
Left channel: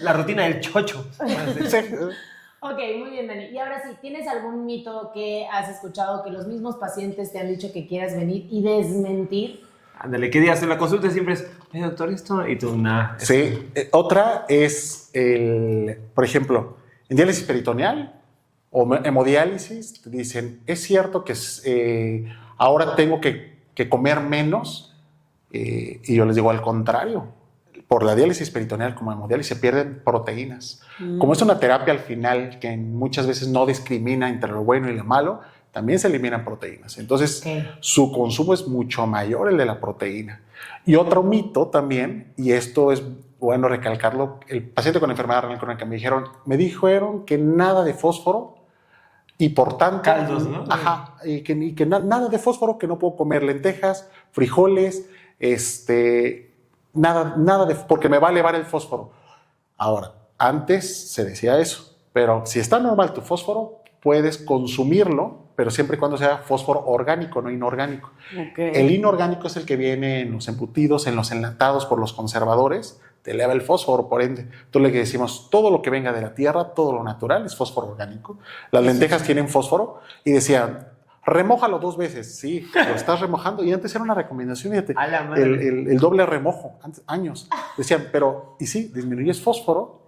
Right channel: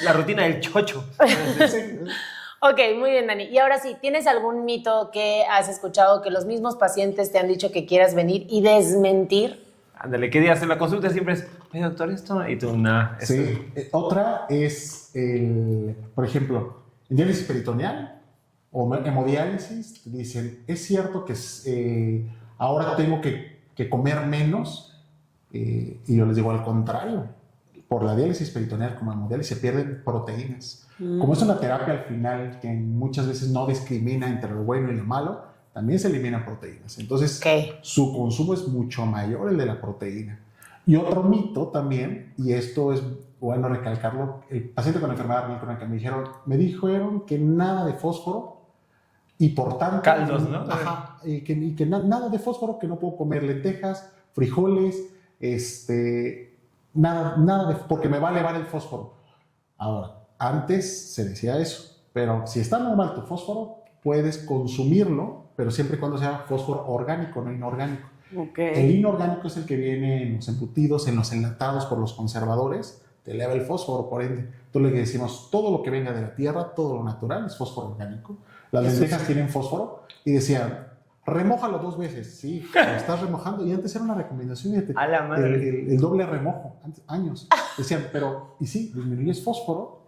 La rutina del chocho. Ok, muy bien, Dani. Y ahora sí, ¿tienes algún mito que has escuchado que los mismos pacientes te han dicho que quieras venir y desmentir? Ándale, ¿qué días en la consulta siempre es, oye, doctor, esto? Y tú, nada. Sí. Otra es, por ejemplo, en diálisis peritoneal o hemodiálisis, te dicen, es cierto que ahora tengo que comer menos, y yo les digo al contrario. Por la diálisis peritoneal como hemodiálisis se pierden proteínas. Como es una terapia al final que muchas veces no discrimina entre lo bueno y lo malo, también se eliminan proteínas. Entonces, Ok. su consumo es mucho mayor el de la proteína. Y otro mito también, y esto es bueno recalcarlo, el paciente con enfermedad renal crónica me dijeron que nada de fósforo y por tanto... Caldos, ¿no? Ajá, y que nada de fósforo, que no puedo comer lentejas, frijoles, nada porque me va a elevar el fósforo. Ahora, antes se decía eso, pero si está normal tu fósforo, puedes consumirlo, pero siempre y cuando sea fósforo orgánico, no inorgánico. Ok. El inorgánico es el que viene en los embutidos, en los enlatados por los conservadores, te eleva el fósforo, por ende. Entonces le decimos, todo lo que venga de la tierra, todo lo natural es fósforo orgánico. Las lentejas tienen fósforo y decían, Remójalo 2 veces, sí, lo estás remojando. Y antes era una recomendación, fíjate, A la madre. el doble remojo, antes, años. Decían, pero, y sí, disminuyes fósforo,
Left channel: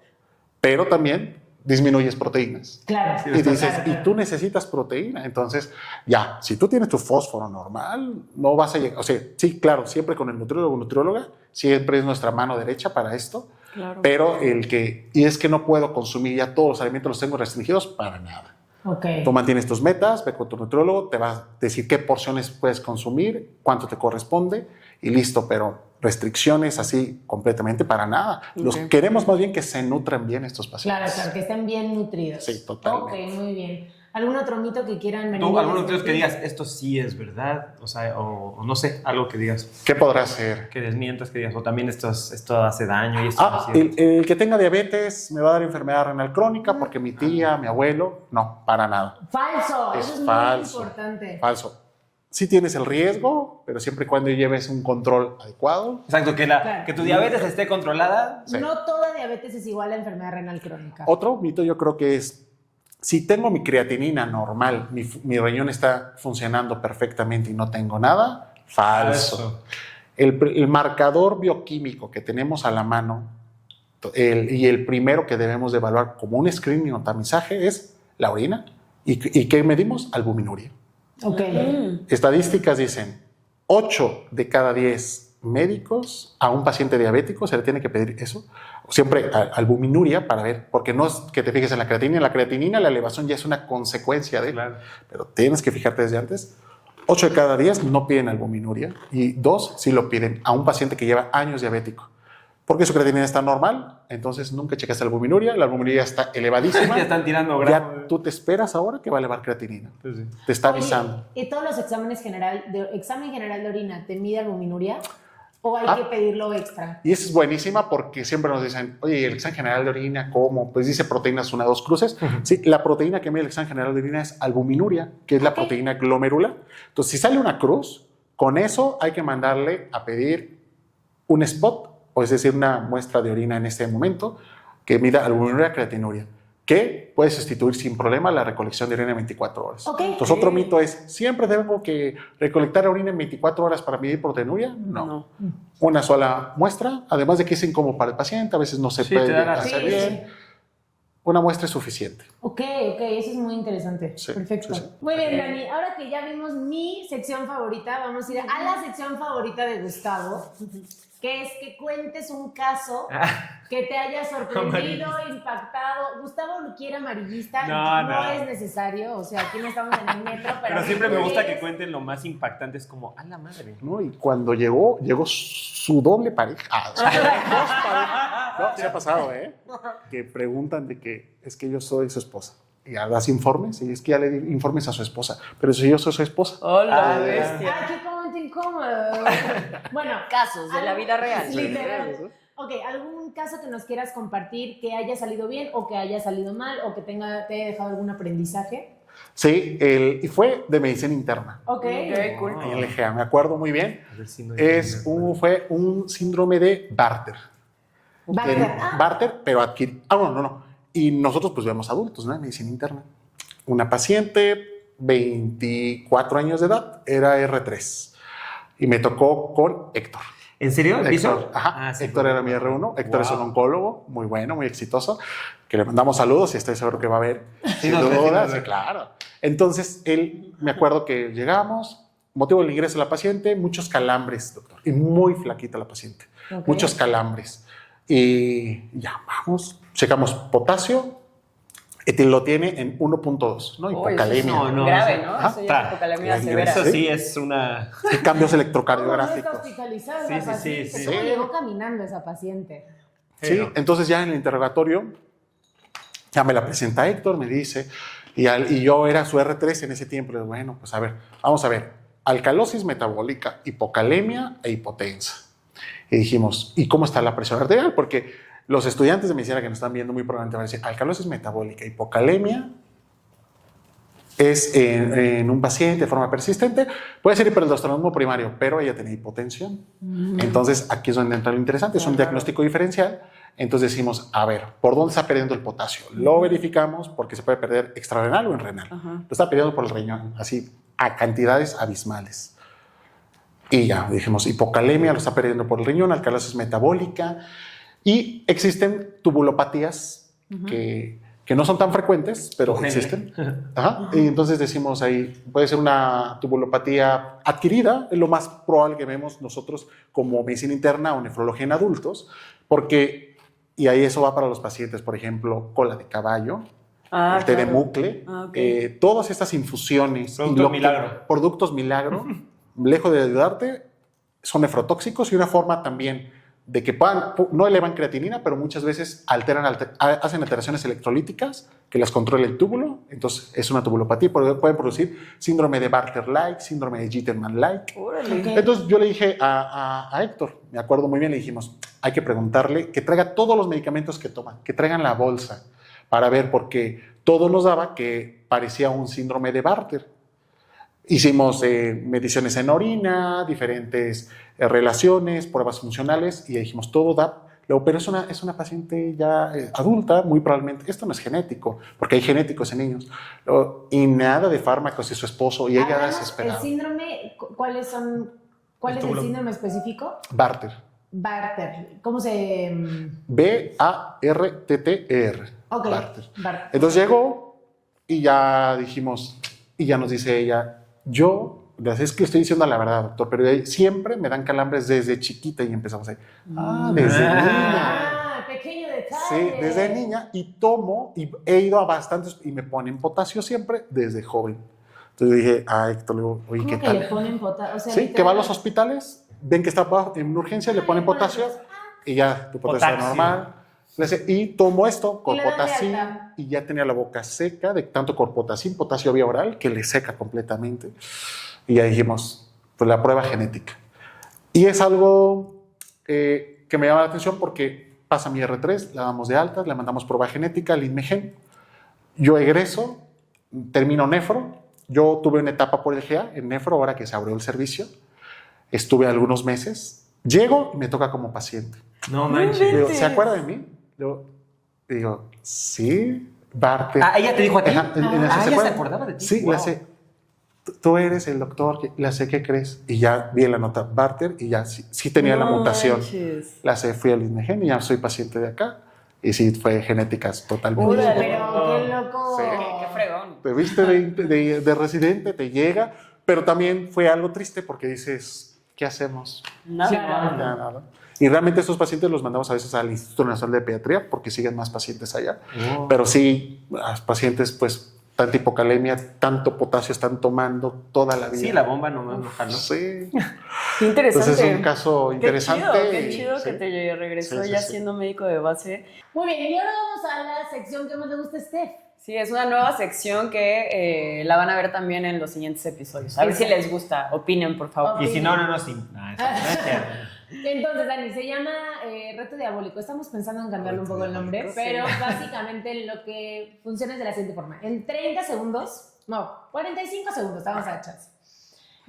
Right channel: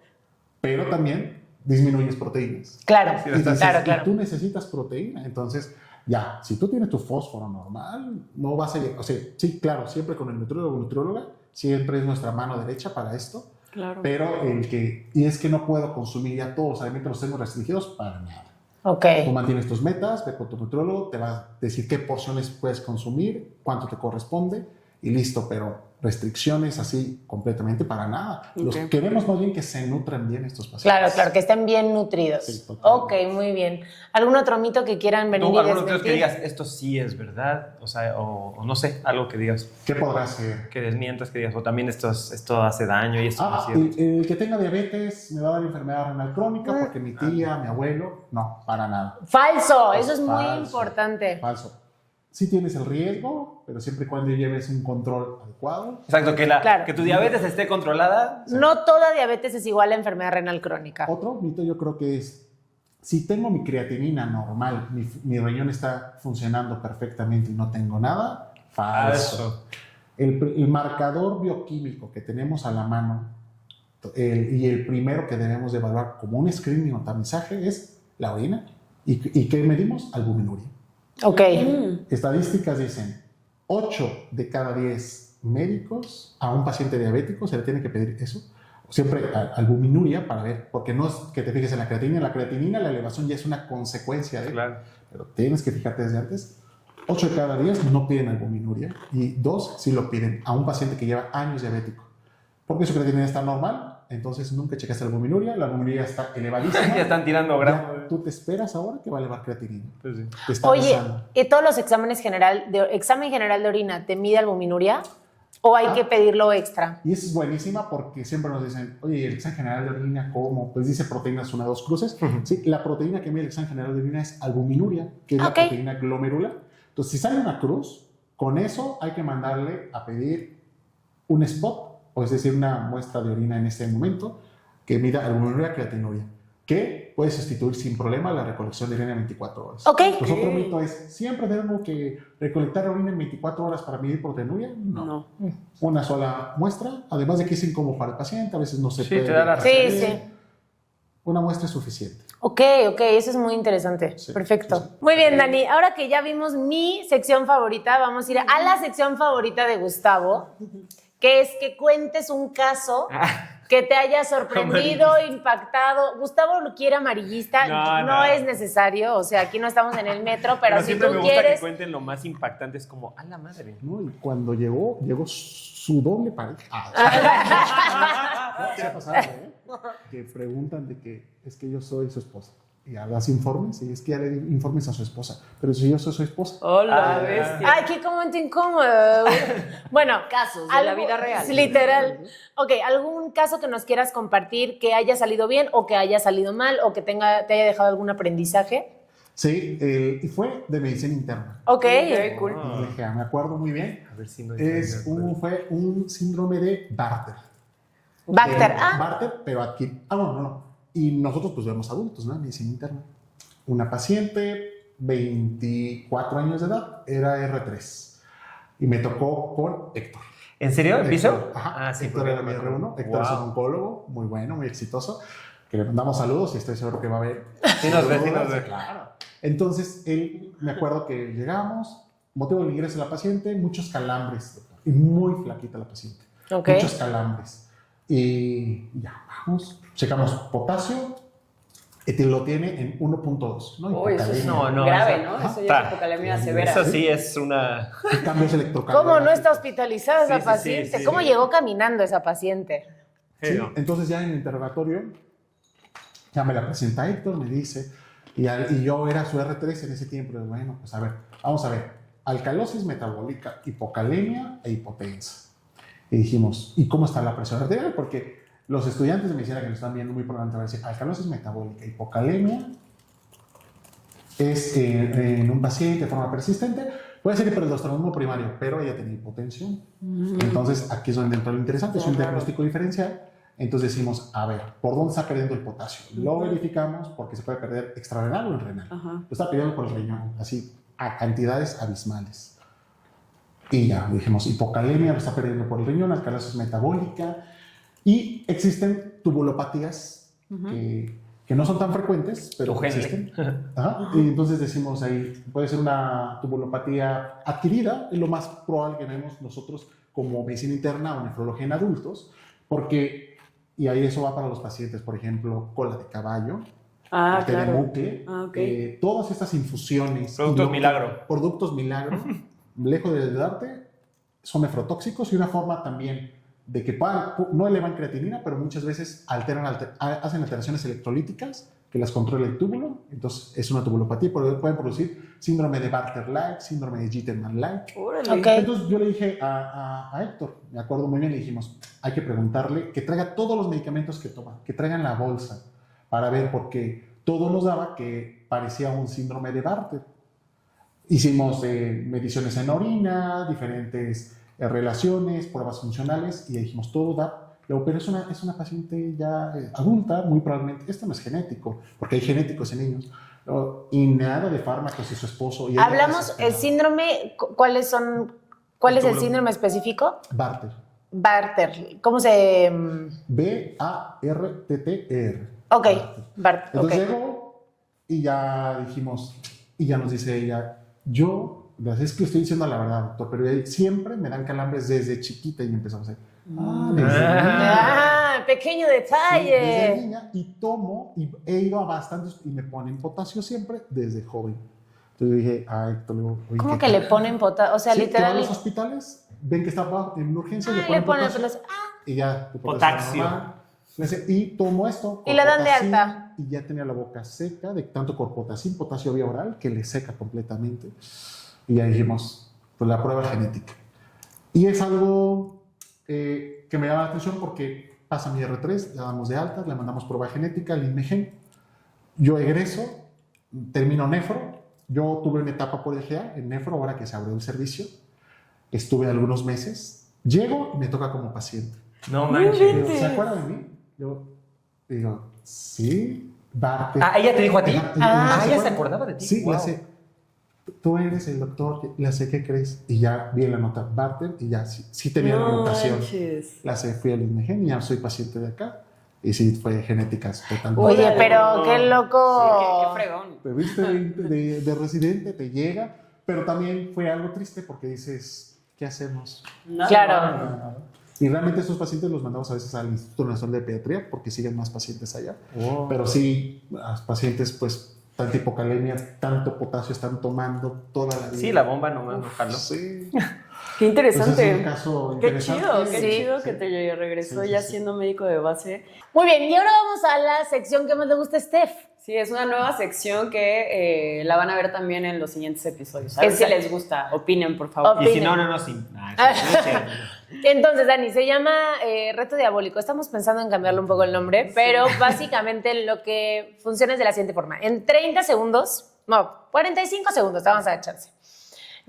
pero también disminuyes proteínas. Claro, Y dices, claro. y tú necesitas proteína. Entonces, ya, si tú tienes tu fósforo normal, no vas a llegar. O sea, sí, claro, siempre con el nutriólogo o nutrióloga, siempre es nuestra mano derecha para esto. Claro. Pero y es que no puedo consumir ya todos los alimentos, los tengo restringidos para nada. Ok. Tú mantienes tus metas, ve con tu nutriólogo, te va a decir qué porciones puedes consumir, cuánto te corresponde y listo, pero restricciones así completamente para nada. Los Ok. queremos más bien que se nutran bien estos pacientes. Claro, que estén bien nutridos. Sí, totalmente. Ok, muy bien. ¿Algún otro mito que quieran venir ¿Tú, y alguno de ustedes que desmentir? digas, esto sí es verdad? O sea, o no sé, algo que digas, ¿Qué podrá ser? que desmientas, que digas, o también esto hace daño y esto no es cierto. El que tenga diabetes me va a dar enfermedad renal crónica porque mi tía, mi abuelo, no, para nada. Falso, Es eso es muy falso. importante. Falso. Sí tienes el riesgo, pero siempre y cuando lleves un control adecuado. Exacto, Claro. que tu diabetes esté controlada. Sí. No toda diabetes es igual a enfermedad renal crónica. Otro mito yo creo que es, si tengo mi creatinina normal, mi riñón está funcionando perfectamente y no tengo nada, falso. El marcador bioquímico que tenemos a la mano y el primero que debemos de evaluar como un screening o tamizaje es la orina. ¿Y qué medimos? Albuminuria. Ok. Estadísticas dicen 8 de cada 10 médicos a un paciente diabético se le tiene que pedir eso. Siempre albuminuria para ver, porque no es que te fijes en la creatinina. La creatinina, la elevación ya es una consecuencia de, Claro. pero tienes que fijarte desde antes. 8 de cada 10 no piden albuminuria y 2 sí lo piden a un paciente que lleva años diabético. Porque su creatinina está normal, entonces nunca checaste la albuminuria está elevadísima. Ya están tirando gramos. Ya tú te esperas ahora que va a elevar creatinina. Sí, sí. Te está Oye, avisando. ¿y todos los exámenes examen general de orina te mide albuminuria? ¿O hay que pedirlo extra? Y esa es buenísima porque siempre nos dicen, oye, el examen general de orina, ¿cómo? Pues dice proteínas 1, 2 cruces. Sí, la proteína que mide el examen general de orina es albuminuria, que es la Ok. proteína glomerular. Entonces, si sale una cruz, con eso hay que mandarle a pedir un spot, o es decir, una muestra de orina en este momento, que mida albuminuria, creatinuria, que puede sustituir sin problema la recolección de orina en 24 horas. Ok. Entonces, otro mito es, ¿siempre tengo que recolectar orina en 24 horas para medir proteinuria? No. Una sola muestra, además de que es incómodo para el paciente, a veces no se Sí, puede te da la hacer Sí, bien. sí. Una muestra es suficiente. Ok, eso es muy interesante. Sí, Perfecto. sí, sí. Muy bien, Dani. Ahora que ya vimos mi sección favorita, vamos a ir a la sección favorita de Gustavo, que es que cuentes un caso que te haya sorprendido, impactado. Gustavo lo quiere amarillista. No. Es necesario. O sea, aquí no estamos en el metro, pero, Pero si siempre tú me gusta quieres- que cuenten lo más impactante. Es como, a la madre. ¿No? Y cuando llegó su doble pareja. No, ¿qué ha pasado, Que preguntan de que es que yo soy su esposa. Y ya das informes, y es que ya le di informes a su esposa. Pero si yo soy su esposa. Hola, Ah, bestia. Ay, qué momento incómodo. Bueno, Casos de la vida real. Literal. Ok, ¿algún caso que nos quieras compartir que haya salido bien o que haya salido mal o que te haya dejado algún aprendizaje? Sí, y fue de medicina interna. Ok. Ok, cool. En el GEA, me acuerdo muy bien. A ver si no Fue un síndrome de Barter. Bacter. Barter, pero adquirir. No. Y nosotros pues vemos adultos, ¿no? En medicina interna. Una paciente, 24 años de edad, era R3. Y me tocó con Héctor. ¿En serio? ¿El piso? Héctor, ajá. Sí, Héctor era mi R1. Héctor es un Wow. oncólogo muy bueno, muy exitoso, que le mandamos saludos y estoy seguro que va a ver. Sí nos ve, sí nos ve. Sí, claro. Entonces, me acuerdo que llegamos, motivo del ingreso de la paciente, muchos calambres, doctor. Y muy flaquita la paciente. Ok. Muchos calambres. Y ya, vamos. Checamos potasio. Lo tiene en 1.2, ¿no? Uy, eso es Hipocalemia. No, grave, eso- ¿no? ajá. Eso ya es hipocalemia Sí, severa. Eso sí es una... Cambios ¿Cómo electrocardiográficos. no está hospitalizada esa Sí, sí, sí, paciente? sí. ¿Cómo llegó caminando esa paciente? Sí, no. entonces ya en el interrogatorio, ya me la presenta Héctor, me dice, y yo era su R3 en ese tiempo. Le digo, bueno, pues a ver, vamos a ver, alcalosis metabólica, hipocalemia e hipotensa. Y dijimos, ¿y cómo está la presión arterial? Porque los estudiantes de medicina que nos están viendo muy probablemente van a decir, alcalosis metabólica, hipocalemia es en un paciente de forma persistente, puede ser hiperaldosteronismo primario, pero ella tenía hipotensión. Entonces, aquí es donde entra lo interesante, es un diagnóstico diferencial. Entonces decimos, a ver, ¿por dónde está perdiendo el potasio? Lo verificamos porque se puede perder extrarrenal o en renal. Ajá. Lo está perdiendo por el riñón, así a cantidades abismales. Y ya dijimos, hipocalemia lo está perdiendo por el riñón, alcalosis metabólica. Y existen tubulopatías que no son tan frecuentes, pero Tu gene. existen. Ajá. Y entonces decimos ahí, puede ser una tubulopatía adquirida, es lo más probable que vemos nosotros como medicina interna o nefrología en adultos, porque, y ahí eso va para los pacientes, por ejemplo, cola de caballo, el té de bucle, todas estas infusiones. Productos milagro, lejos de ayudarte, son nefrotóxicos y una forma también de que no elevan creatinina, pero muchas veces hacen alteraciones electrolíticas que las controla el túbulo. Entonces es una tubulopatía, pueden producir síndrome de Bartter-like, síndrome de Jitterman-like. Okay. Entonces yo le dije a Héctor, me acuerdo muy bien, le dijimos, hay que preguntarle que traiga todos los medicamentos que toma, que traigan la bolsa para ver, porque todo nos daba que parecía un síndrome de Bartter. Hicimos mediciones en orina, diferentes relaciones, pruebas funcionales, y dijimos, todo da. Pero es una paciente ya adulta, muy probablemente. Esto no es genético, porque hay genéticos en niños. Y nada de fármacos y su esposo. Y ella hablamos, el síndrome, ¿cuál es el síndrome específico? Bartter. Bartter. ¿Cómo se...? B-A-R-T-T-E-R. Ok, Bartter. Entonces llegó y ya dijimos, y ya nos dice ella, es que le estoy diciendo la verdad, doctor, pero siempre me dan calambres desde chiquita y empezamos ahí. Desde niña. Pequeño detalle. Sí, desde niña, y tomo, y he ido a bastantes, y me ponen potasio siempre desde joven. Entonces dije, Héctor, oye, ¿cómo ¿qué que tal? le ponen potasio? O sea, Sí, literal. que va a los hospitales, ven que está en urgencia, le ponen potasio, y ya, tu potasio normal. Y tomo esto, ¿Y la dan de corpotacin, alta? y ya tenía la boca seca de tanto corpotacin, potasio vía oral, que le seca completamente. Y ya dijimos, pues la prueba genética. Y es algo que me llama la atención porque pasa mi R3, la damos de alta, le mandamos prueba genética, el INMEGEN. Yo egreso, termino nefro. Yo tuve una etapa por el GA en nefro, ahora que se abrió el servicio. Estuve algunos meses. Llego y me toca como paciente. No manches. Digo, ¿se acuerda de mí? Yo digo, sí, Barter. ¿Ella te dijo a ti? ¿Se ¿ella se acuerda? acordaba de ti? Sí, Wow. le hace, tú eres el doctor, le hace, ¿qué crees? Y ya vi en la nota Barter y ya sí tenía la mutación. Le hace, fui al INMEGEN y ya soy paciente de acá. Y sí, fue genéticas totalmente. Oye, pero qué loco. Sí, qué fregón. Te viste de residente, te llega, pero también fue algo triste porque dices, ¿qué hacemos? Claro. Nada. Y realmente estos pacientes los mandamos a veces al Instituto Nacional de Pediatría porque siguen más pacientes allá. Oh. Pero sí, los pacientes, pues, tanta hipocalemia, tanto potasio están tomando toda la vida. Sí, la bomba nomás no jaló. Sí. Qué interesante. Entonces es un caso interesante. Qué chido que te regresó ya siendo médico de base. Muy bien, y ahora vamos a la sección que más le gusta a Steph. Sí, es una nueva sección que la van a ver también en los siguientes episodios. A ver si les gusta. Opinen, por favor. Y si no, sí. Entonces, Dani, se llama Reto Diabólico. Estamos pensando en cambiarle un poco el nombre, pero básicamente lo que funciona es de la siguiente forma. En 30 segundos, no, 45 segundos, te vamos a dar chance.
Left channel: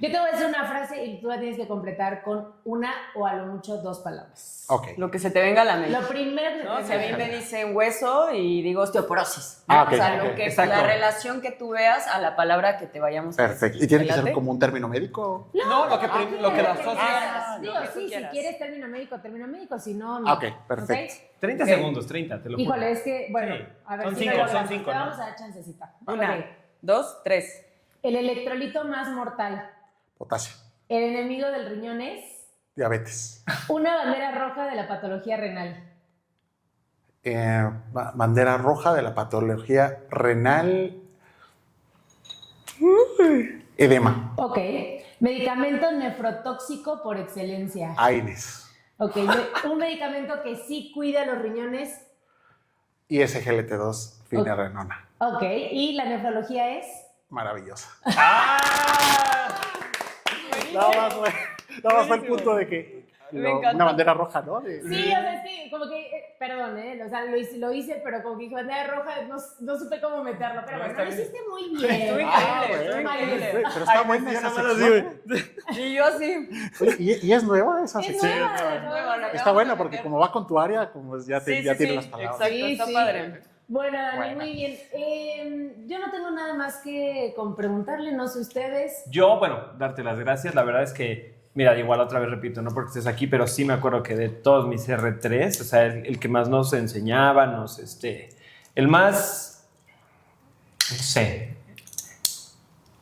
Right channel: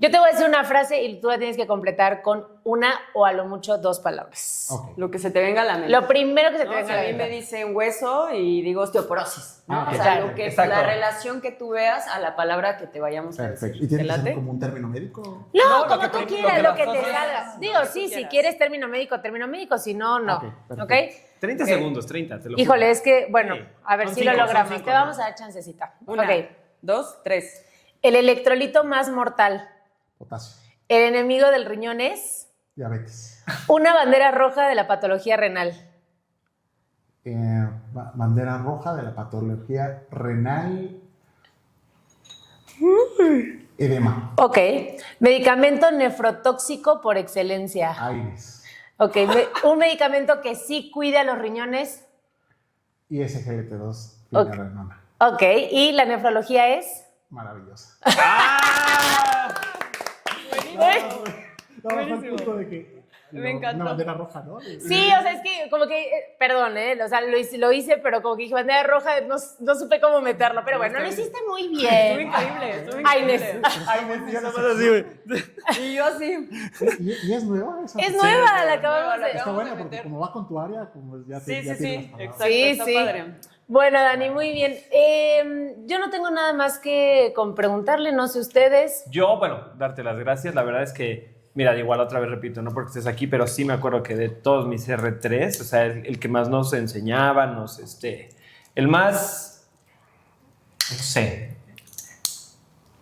Yo te voy a decir una frase y tú la tienes que completar con una o a lo mucho 2 palabras. Ok. Lo que se te venga a la mente. Lo primero que se te ¿No? venga Si a a la mí me mente. dicen hueso y digo osteoporosis. ¿no? Ok. O sea, lo que, Exacto. la relación que tú veas a la palabra que te vayamos a decir. Perfecto. ¿Y tiene que ¿Te ser late? como un término médico? No, lo que como prim- quieras, lo que lo la que te asocias. hagas. Digo, Lo que tú sí, si quieras. quieres término médico, si no, no. Ok, perfecto. ¿Ok? 30 segundos, 30, te lo juro. Híjole, es que, bueno, Sí. a ver Son si cinco, lo son logramos. cinco, Te ¿no? vamos a dar chancecita. Una, Ok. 2, 3. El electrolito más mortal. Potasio. El enemigo del riñón es Diabetes. una bandera roja de la patología renal. Bandera roja de la patología renal. Edema. Ok. Medicamento nefrotóxico por excelencia. AINES. Ok. Un medicamento que sí cuida los riñones. Y SGLT2, finerenona. Ok. Y la nefrología es. Maravillosa. ¡Ah! No, fue el punto de que Me encantó. una bandera roja, ¿no? Sí, o sea, es que como que, perdón, o sea, lo hice, pero como que dije bandera roja, no supe cómo meterlo, pero bueno, lo hiciste muy bien. Estuvo increíble, estuvo Ay, increíble. Pero está muy bien esa sección. Y yo así. Y es nueva esa Es sección. nueva, la acabamos de Está buena porque como va con tu área, como ya, Sí, ya sí, tiene sí. las palabras. Exacto, Sí, está sí. padre. Bueno, Dani, muy bien. Yo no tengo nada más que preguntarle, no sé ustedes. Yo, bueno, darte las gracias. La verdad es que, mira, igual otra vez repito, no porque estés aquí, pero sí me acuerdo que de todos mis R3, o sea, el que más nos enseñaba, el más, no sé,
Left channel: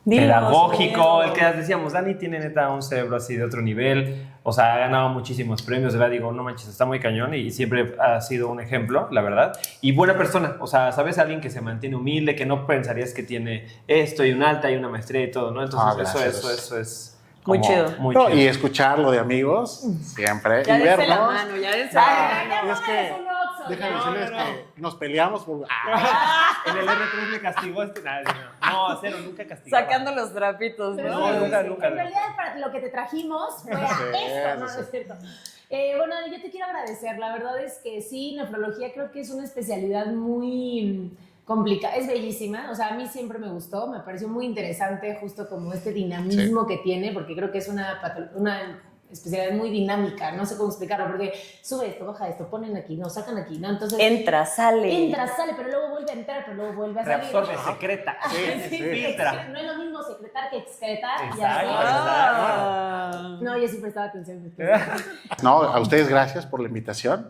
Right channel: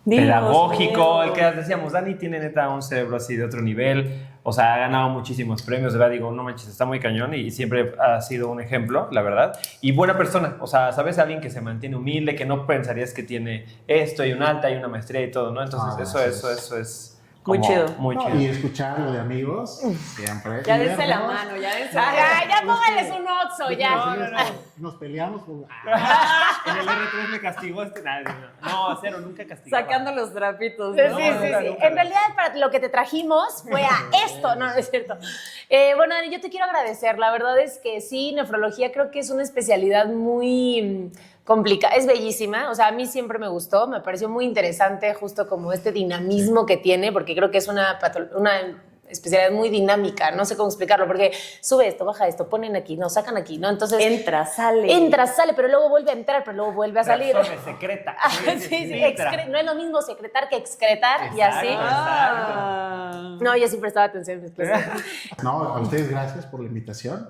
pedagógico, el que decíamos, Dani tiene neta un cerebro así de otro nivel, o sea, ha ganado muchísimos premios, de verdad, digo, no manches, está muy cañón y siempre ha sido un ejemplo, la verdad, y buena persona, o sea, sabes, alguien que se mantiene humilde, que no pensarías que tiene esto y un alta y una maestría y todo, ¿no? Entonces, eso es muy chido. No, y escucharlo de amigos, siempre. Ya y dense la vernos. mano, ya dense la mano. Ya póngales un oxo, ya. Nos peleamos por... En el R3 me castigó no, cero, nunca castigaba. Sacando los trapitos, Sí, ¿no? sí, sí, nunca, sí. nunca. En realidad, para lo que te trajimos fue a esto, no es cierto. Bueno, Dani, yo te quiero agradecer. La verdad es que sí, nefrología creo que es una especialidad muy complicada, es bellísima. O sea, a mí siempre me gustó, me pareció muy interesante justo como este dinamismo que tiene, porque creo que es una especialidad muy dinámica, no sé cómo explicarlo, porque sube esto, baja esto, ponen aquí, no, sacan aquí, ¿no? Entonces... Entra, sale, pero luego vuelve a entrar, pero luego vuelve a salir. Reabsorbe, secreta. No es lo mismo secretar que excretar y Exacto, así. exacto. No, yo sí prestaba atención en mis clases. No, a ustedes gracias por la invitación,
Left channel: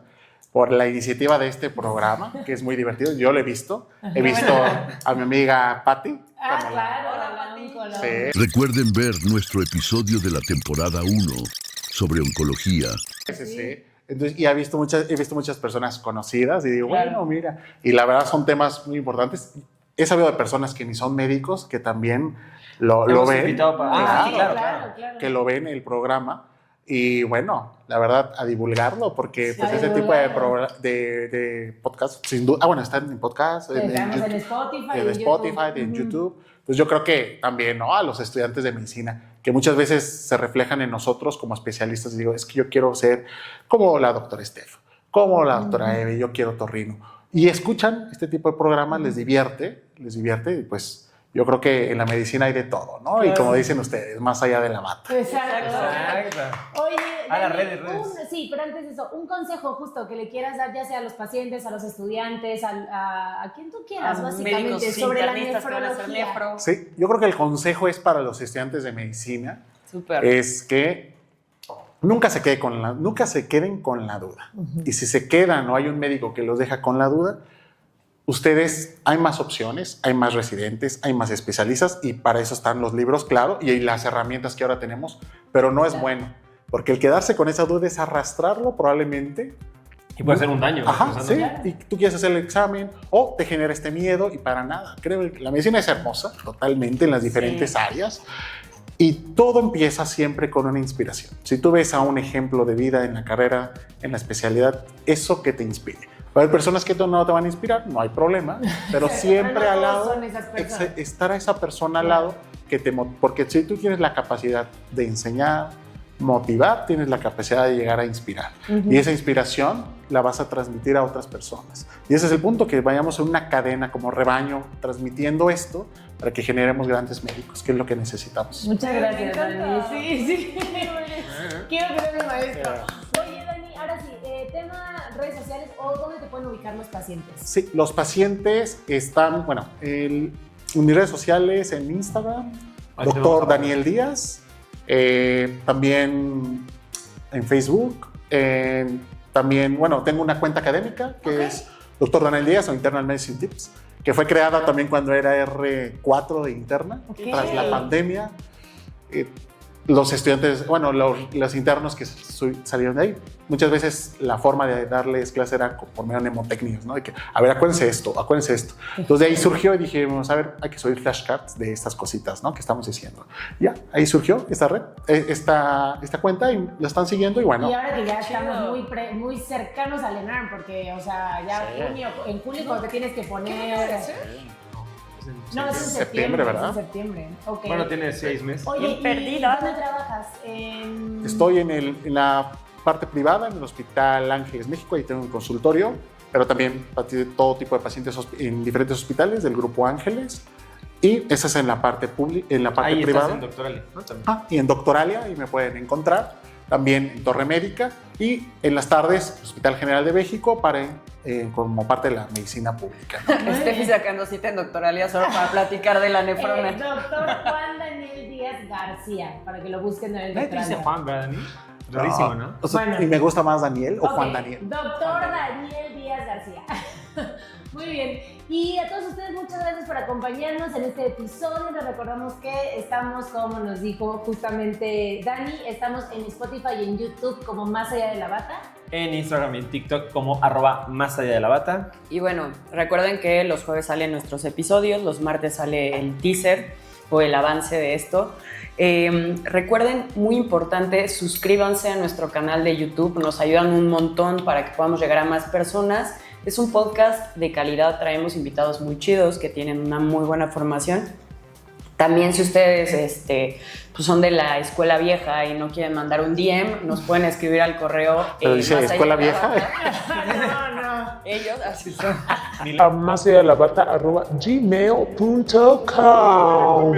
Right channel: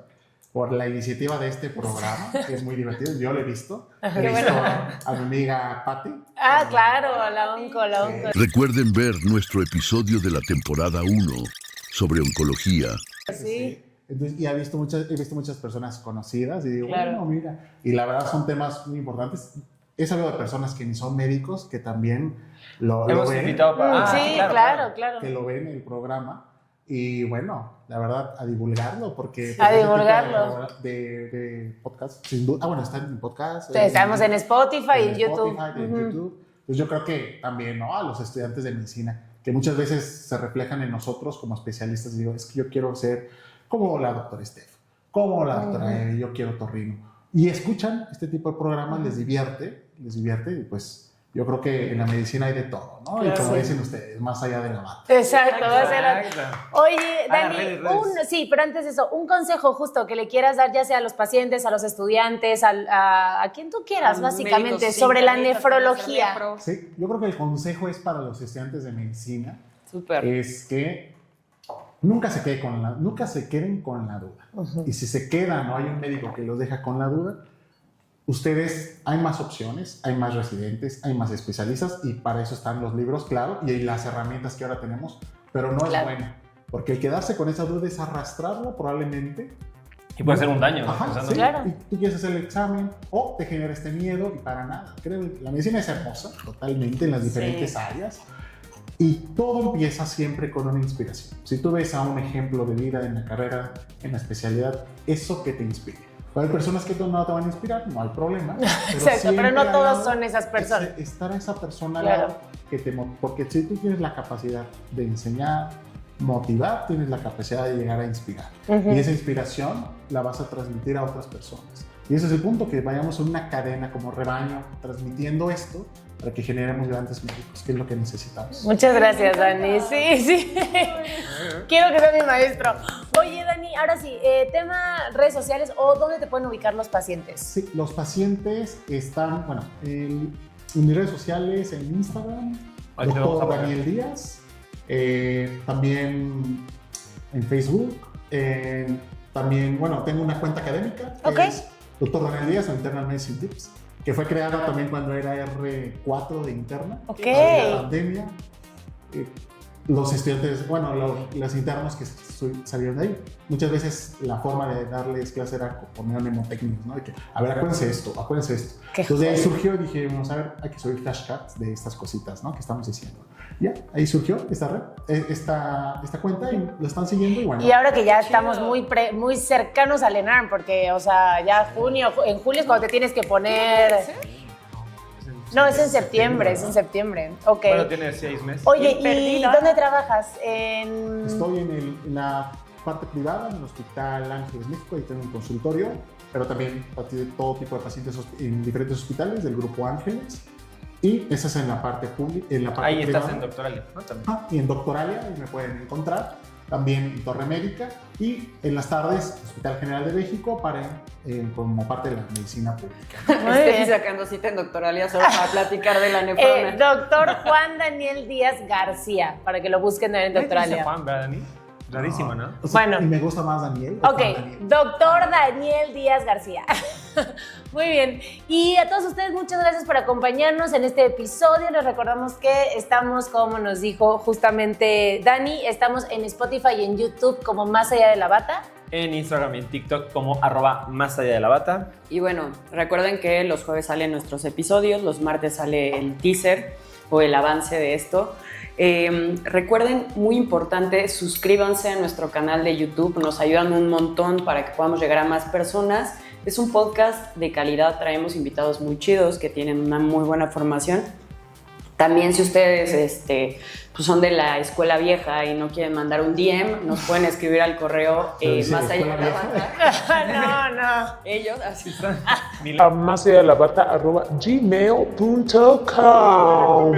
por la iniciativa de este programa, que es muy divertido. Yo lo he visto. He visto a mi amiga Patti. Ah, claro, la onco. Recuerden ver nuestro episodio de la temporada 1 sobre oncología. Sí. Entonces, y he visto muchas personas conocidas y digo, Claro. bueno, mira. Y la verdad son temas muy importantes. He sabido de personas que ni son médicos, que también lo Hemos ven. invitado para... Sí, claro. Que lo ven el programa. Y bueno, la verdad, a divulgarlo, porque pues, A ese tipo divulgarlo. de podcast, sin duda, bueno, están en podcast. Estamos en Spotify y en YouTube. Spotify, en YouTube. Pues yo creo que también, ¿no? A los estudiantes de medicina, que muchas veces se reflejan en nosotros como especialistas. Y digo, es que yo quiero ser como la doctora Steph, como la doctora Eve, yo quiero torrino. Y escuchan este tipo de programas, les divierte, y pues yo creo que en la medicina hay de todo, ¿no? Claro. Y como dicen ustedes, más allá de la bata. Exacto. Exacto. Oye, A las Dani, redes. sí, pero antes de eso, un consejo justo que le quieras dar ya sea a los pacientes, a los estudiantes, a quien tú quieras, básicamente, Médicos sobre la internistas que van a hacer nefrología. nefro. Sí, yo creo que el consejo es para los estudiantes de medicina, Súper. es que nunca se queden con la duda. Y si se quedan o hay un médico que los deja con la duda, ustedes, hay más opciones, hay más residentes, hay más especialistas y para eso están los libros, claro, y las herramientas que ahora tenemos, pero no es bueno, porque el quedarse con esa duda es arrastrarlo probablemente. Y puede ser un daño. Ajá, pensando. sí, Claro. y tú quieres hacer el examen o te genera este miedo y para nada. Creo que la medicina es hermosa totalmente en las diferentes áreas y todo empieza siempre con una inspiración. Si tú ves a un ejemplo de vida en la carrera, en la especialidad, eso que te inspire. Va a haber personas que no te van a inspirar, no hay problema, pero Exacto, siempre pero no al todos lado son esas personas. estar a esa persona al Claro. lado porque si tú tienes la capacidad de enseñar, motivar, tienes la capacidad de llegar a inspirar. Y esa inspiración la vas a transmitir a otras personas. Y ese es el punto, que vayamos en una cadena como rebaño transmitiendo esto para que generemos grandes médicos, que es lo que necesitamos. Muchas gracias, Dani. Sí. Quiero que sea mi maestro. Oye, Dani, ahora sí, tema redes sociales o dónde te pueden ubicar los pacientes. Sí, los pacientes están, bueno, en mis redes sociales, en Instagram, Ahí te vamos a doctor poner. Daniel Díaz, también en Facebook, también, bueno, tengo una cuenta académica que Ok. es Doctor Daniel Díaz o Internal Medicine Tips, que fue creada también cuando era R4 de interna, Ok. para la pandemia. Los estudiantes, bueno, los internos que salieron de ahí, muchas veces la forma de darles clase era por medio de mnemotecnias, ¿no? De que, a ver, acuérdense esto. Entonces de ahí surgió y dijimos, a ver, hay que subir flashcards de estas cositas, ¿no? Que estamos diciendo. Ya, ahí surgió esta red, esta cuenta y la están siguiendo y bueno. Y ahora que ya Qué chido. estamos muy cercanos al ENARM, porque, o sea, ya en julio es cuando te tienes que poner... No, es en septiembre, ¿verdad? Ok. Bueno, tiene 6 meses. Oye, Bien ¿y perdida. dónde trabajas? En... Estoy en la parte privada, en el Hospital Ángeles México, ahí tengo un consultorio, pero también de todo tipo de pacientes en diferentes hospitales del Grupo Ángeles. Y esa es en la parte pública, en la parte Ahí privada. estás en Doctoralia, ¿no? También. Y en Doctoralia, y me pueden encontrar. también en Torre Médica y en las tardes Hospital General de México como parte de la medicina pública, ¿no? Steffi sacando cita en doctoralía solo para platicar de la nefrona. Doctor Juan Daniel Díaz García, para que lo busquen en el ¿Nadie te dice doctoralía. Juan, verdad, Dani? Rarísimo, ¿no? O sea, Bueno. ¿y me gusta más Daniel o Ok, Juan Daniel? doctor Daniel Díaz García. Muy bien. Y a todos ustedes, muchas gracias por acompañarnos en este episodio. Les recordamos que estamos, como nos dijo justamente Dani, estamos en Spotify y en YouTube como Más Allá de la Bata. En Instagram y en TikTok como @más allá de la bata. Y bueno, recuerden que los jueves salen nuestros episodios, los martes sale el teaser o el avance de esto. Recuerden, muy importante, suscríbanse a nuestro canal de YouTube, nos ayudan un montón para que podamos llegar a más personas. Es un podcast de calidad, traemos invitados muy chidos que tienen una muy buena formación. También si ustedes pues son de la escuela vieja y no quieren mandar un DM, nos pueden escribir al correo Pero dice más allá escuela de la vieja. bata. No. Ellos así son. A más allá de la bata @gmail.com.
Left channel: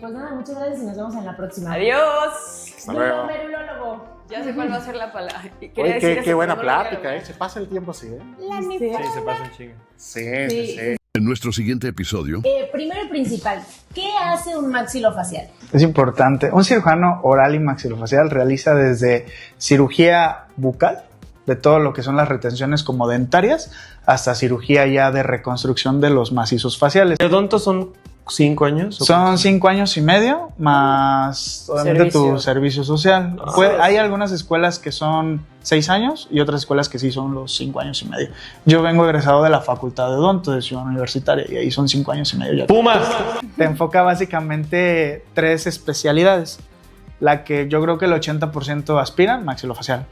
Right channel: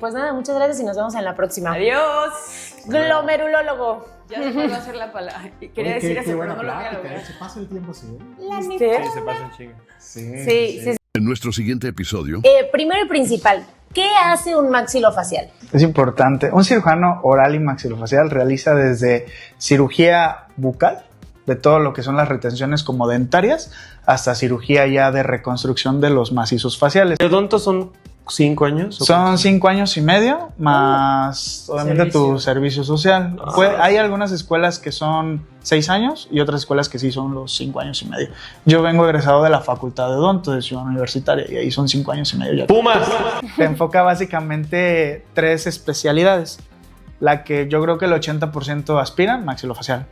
Pues nada, muchas gracias y nos vemos en la próxima. Adiós. Glomerulólogo. Ya sé cuál va a ser la palabra. Quería Oye, decir qué eso, buena pero no lo voy a plática, lograr. se pasa el tiempo así, ¿eh? La Sí, neta. Sí, se pasa un chingo. Sí. En nuestro siguiente episodio, Primero y principal, ¿qué hace un maxilofacial? Es importante. Un cirujano oral y maxilofacial realiza desde cirugía bucal, de todo lo que son las retenciones como dentarias, hasta cirugía ya de reconstrucción de los macizos faciales. ¿De odonto son 5 años? ¿o Son 5 años y medio, más obviamente tu servicio social. Hay algunas escuelas que son 6 años y otras escuelas que sí son los 5 años y medio. Yo vengo egresado de la Facultad de Odonto de Ciudad Universitaria y ahí son 5 años y medio ya. ¡Pumas! Te enfoca básicamente 3 especialidades. La que yo creo que el 80% aspiran, maxilofacial.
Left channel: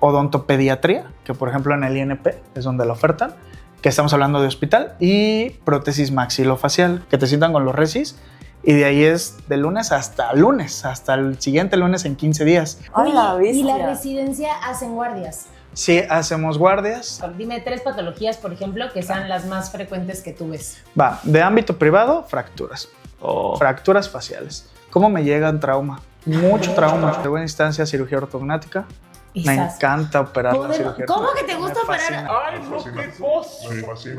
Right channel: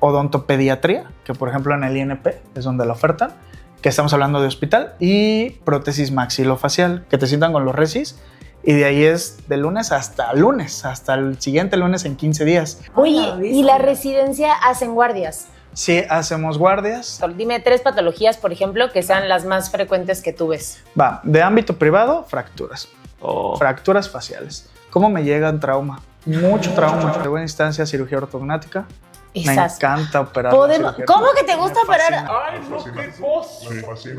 Odontopediatría, que por ejemplo en el INP es donde la ofertan, que estamos hablando de hospital, y prótesis maxilofacial, que te sientan con los resis, y de ahí es de lunes, hasta el siguiente lunes en 15 días. Oye, la ¿y la bestia. residencia hacen guardias? Sí, hacemos guardias. Dime 3 patologías, por ejemplo, que sean las más frecuentes que tú ves. Va, de ámbito privado, fracturas. Oh. Fracturas faciales. ¿Cómo me llegan trauma? Mucho trauma. De buena instancia, cirugía ortognática. Me Esas. encanta operar la Podemos- cirugía ¿Cómo que te ortognática. gusta Me operar? fascina. Ay, no, qué cosa. Me fascina.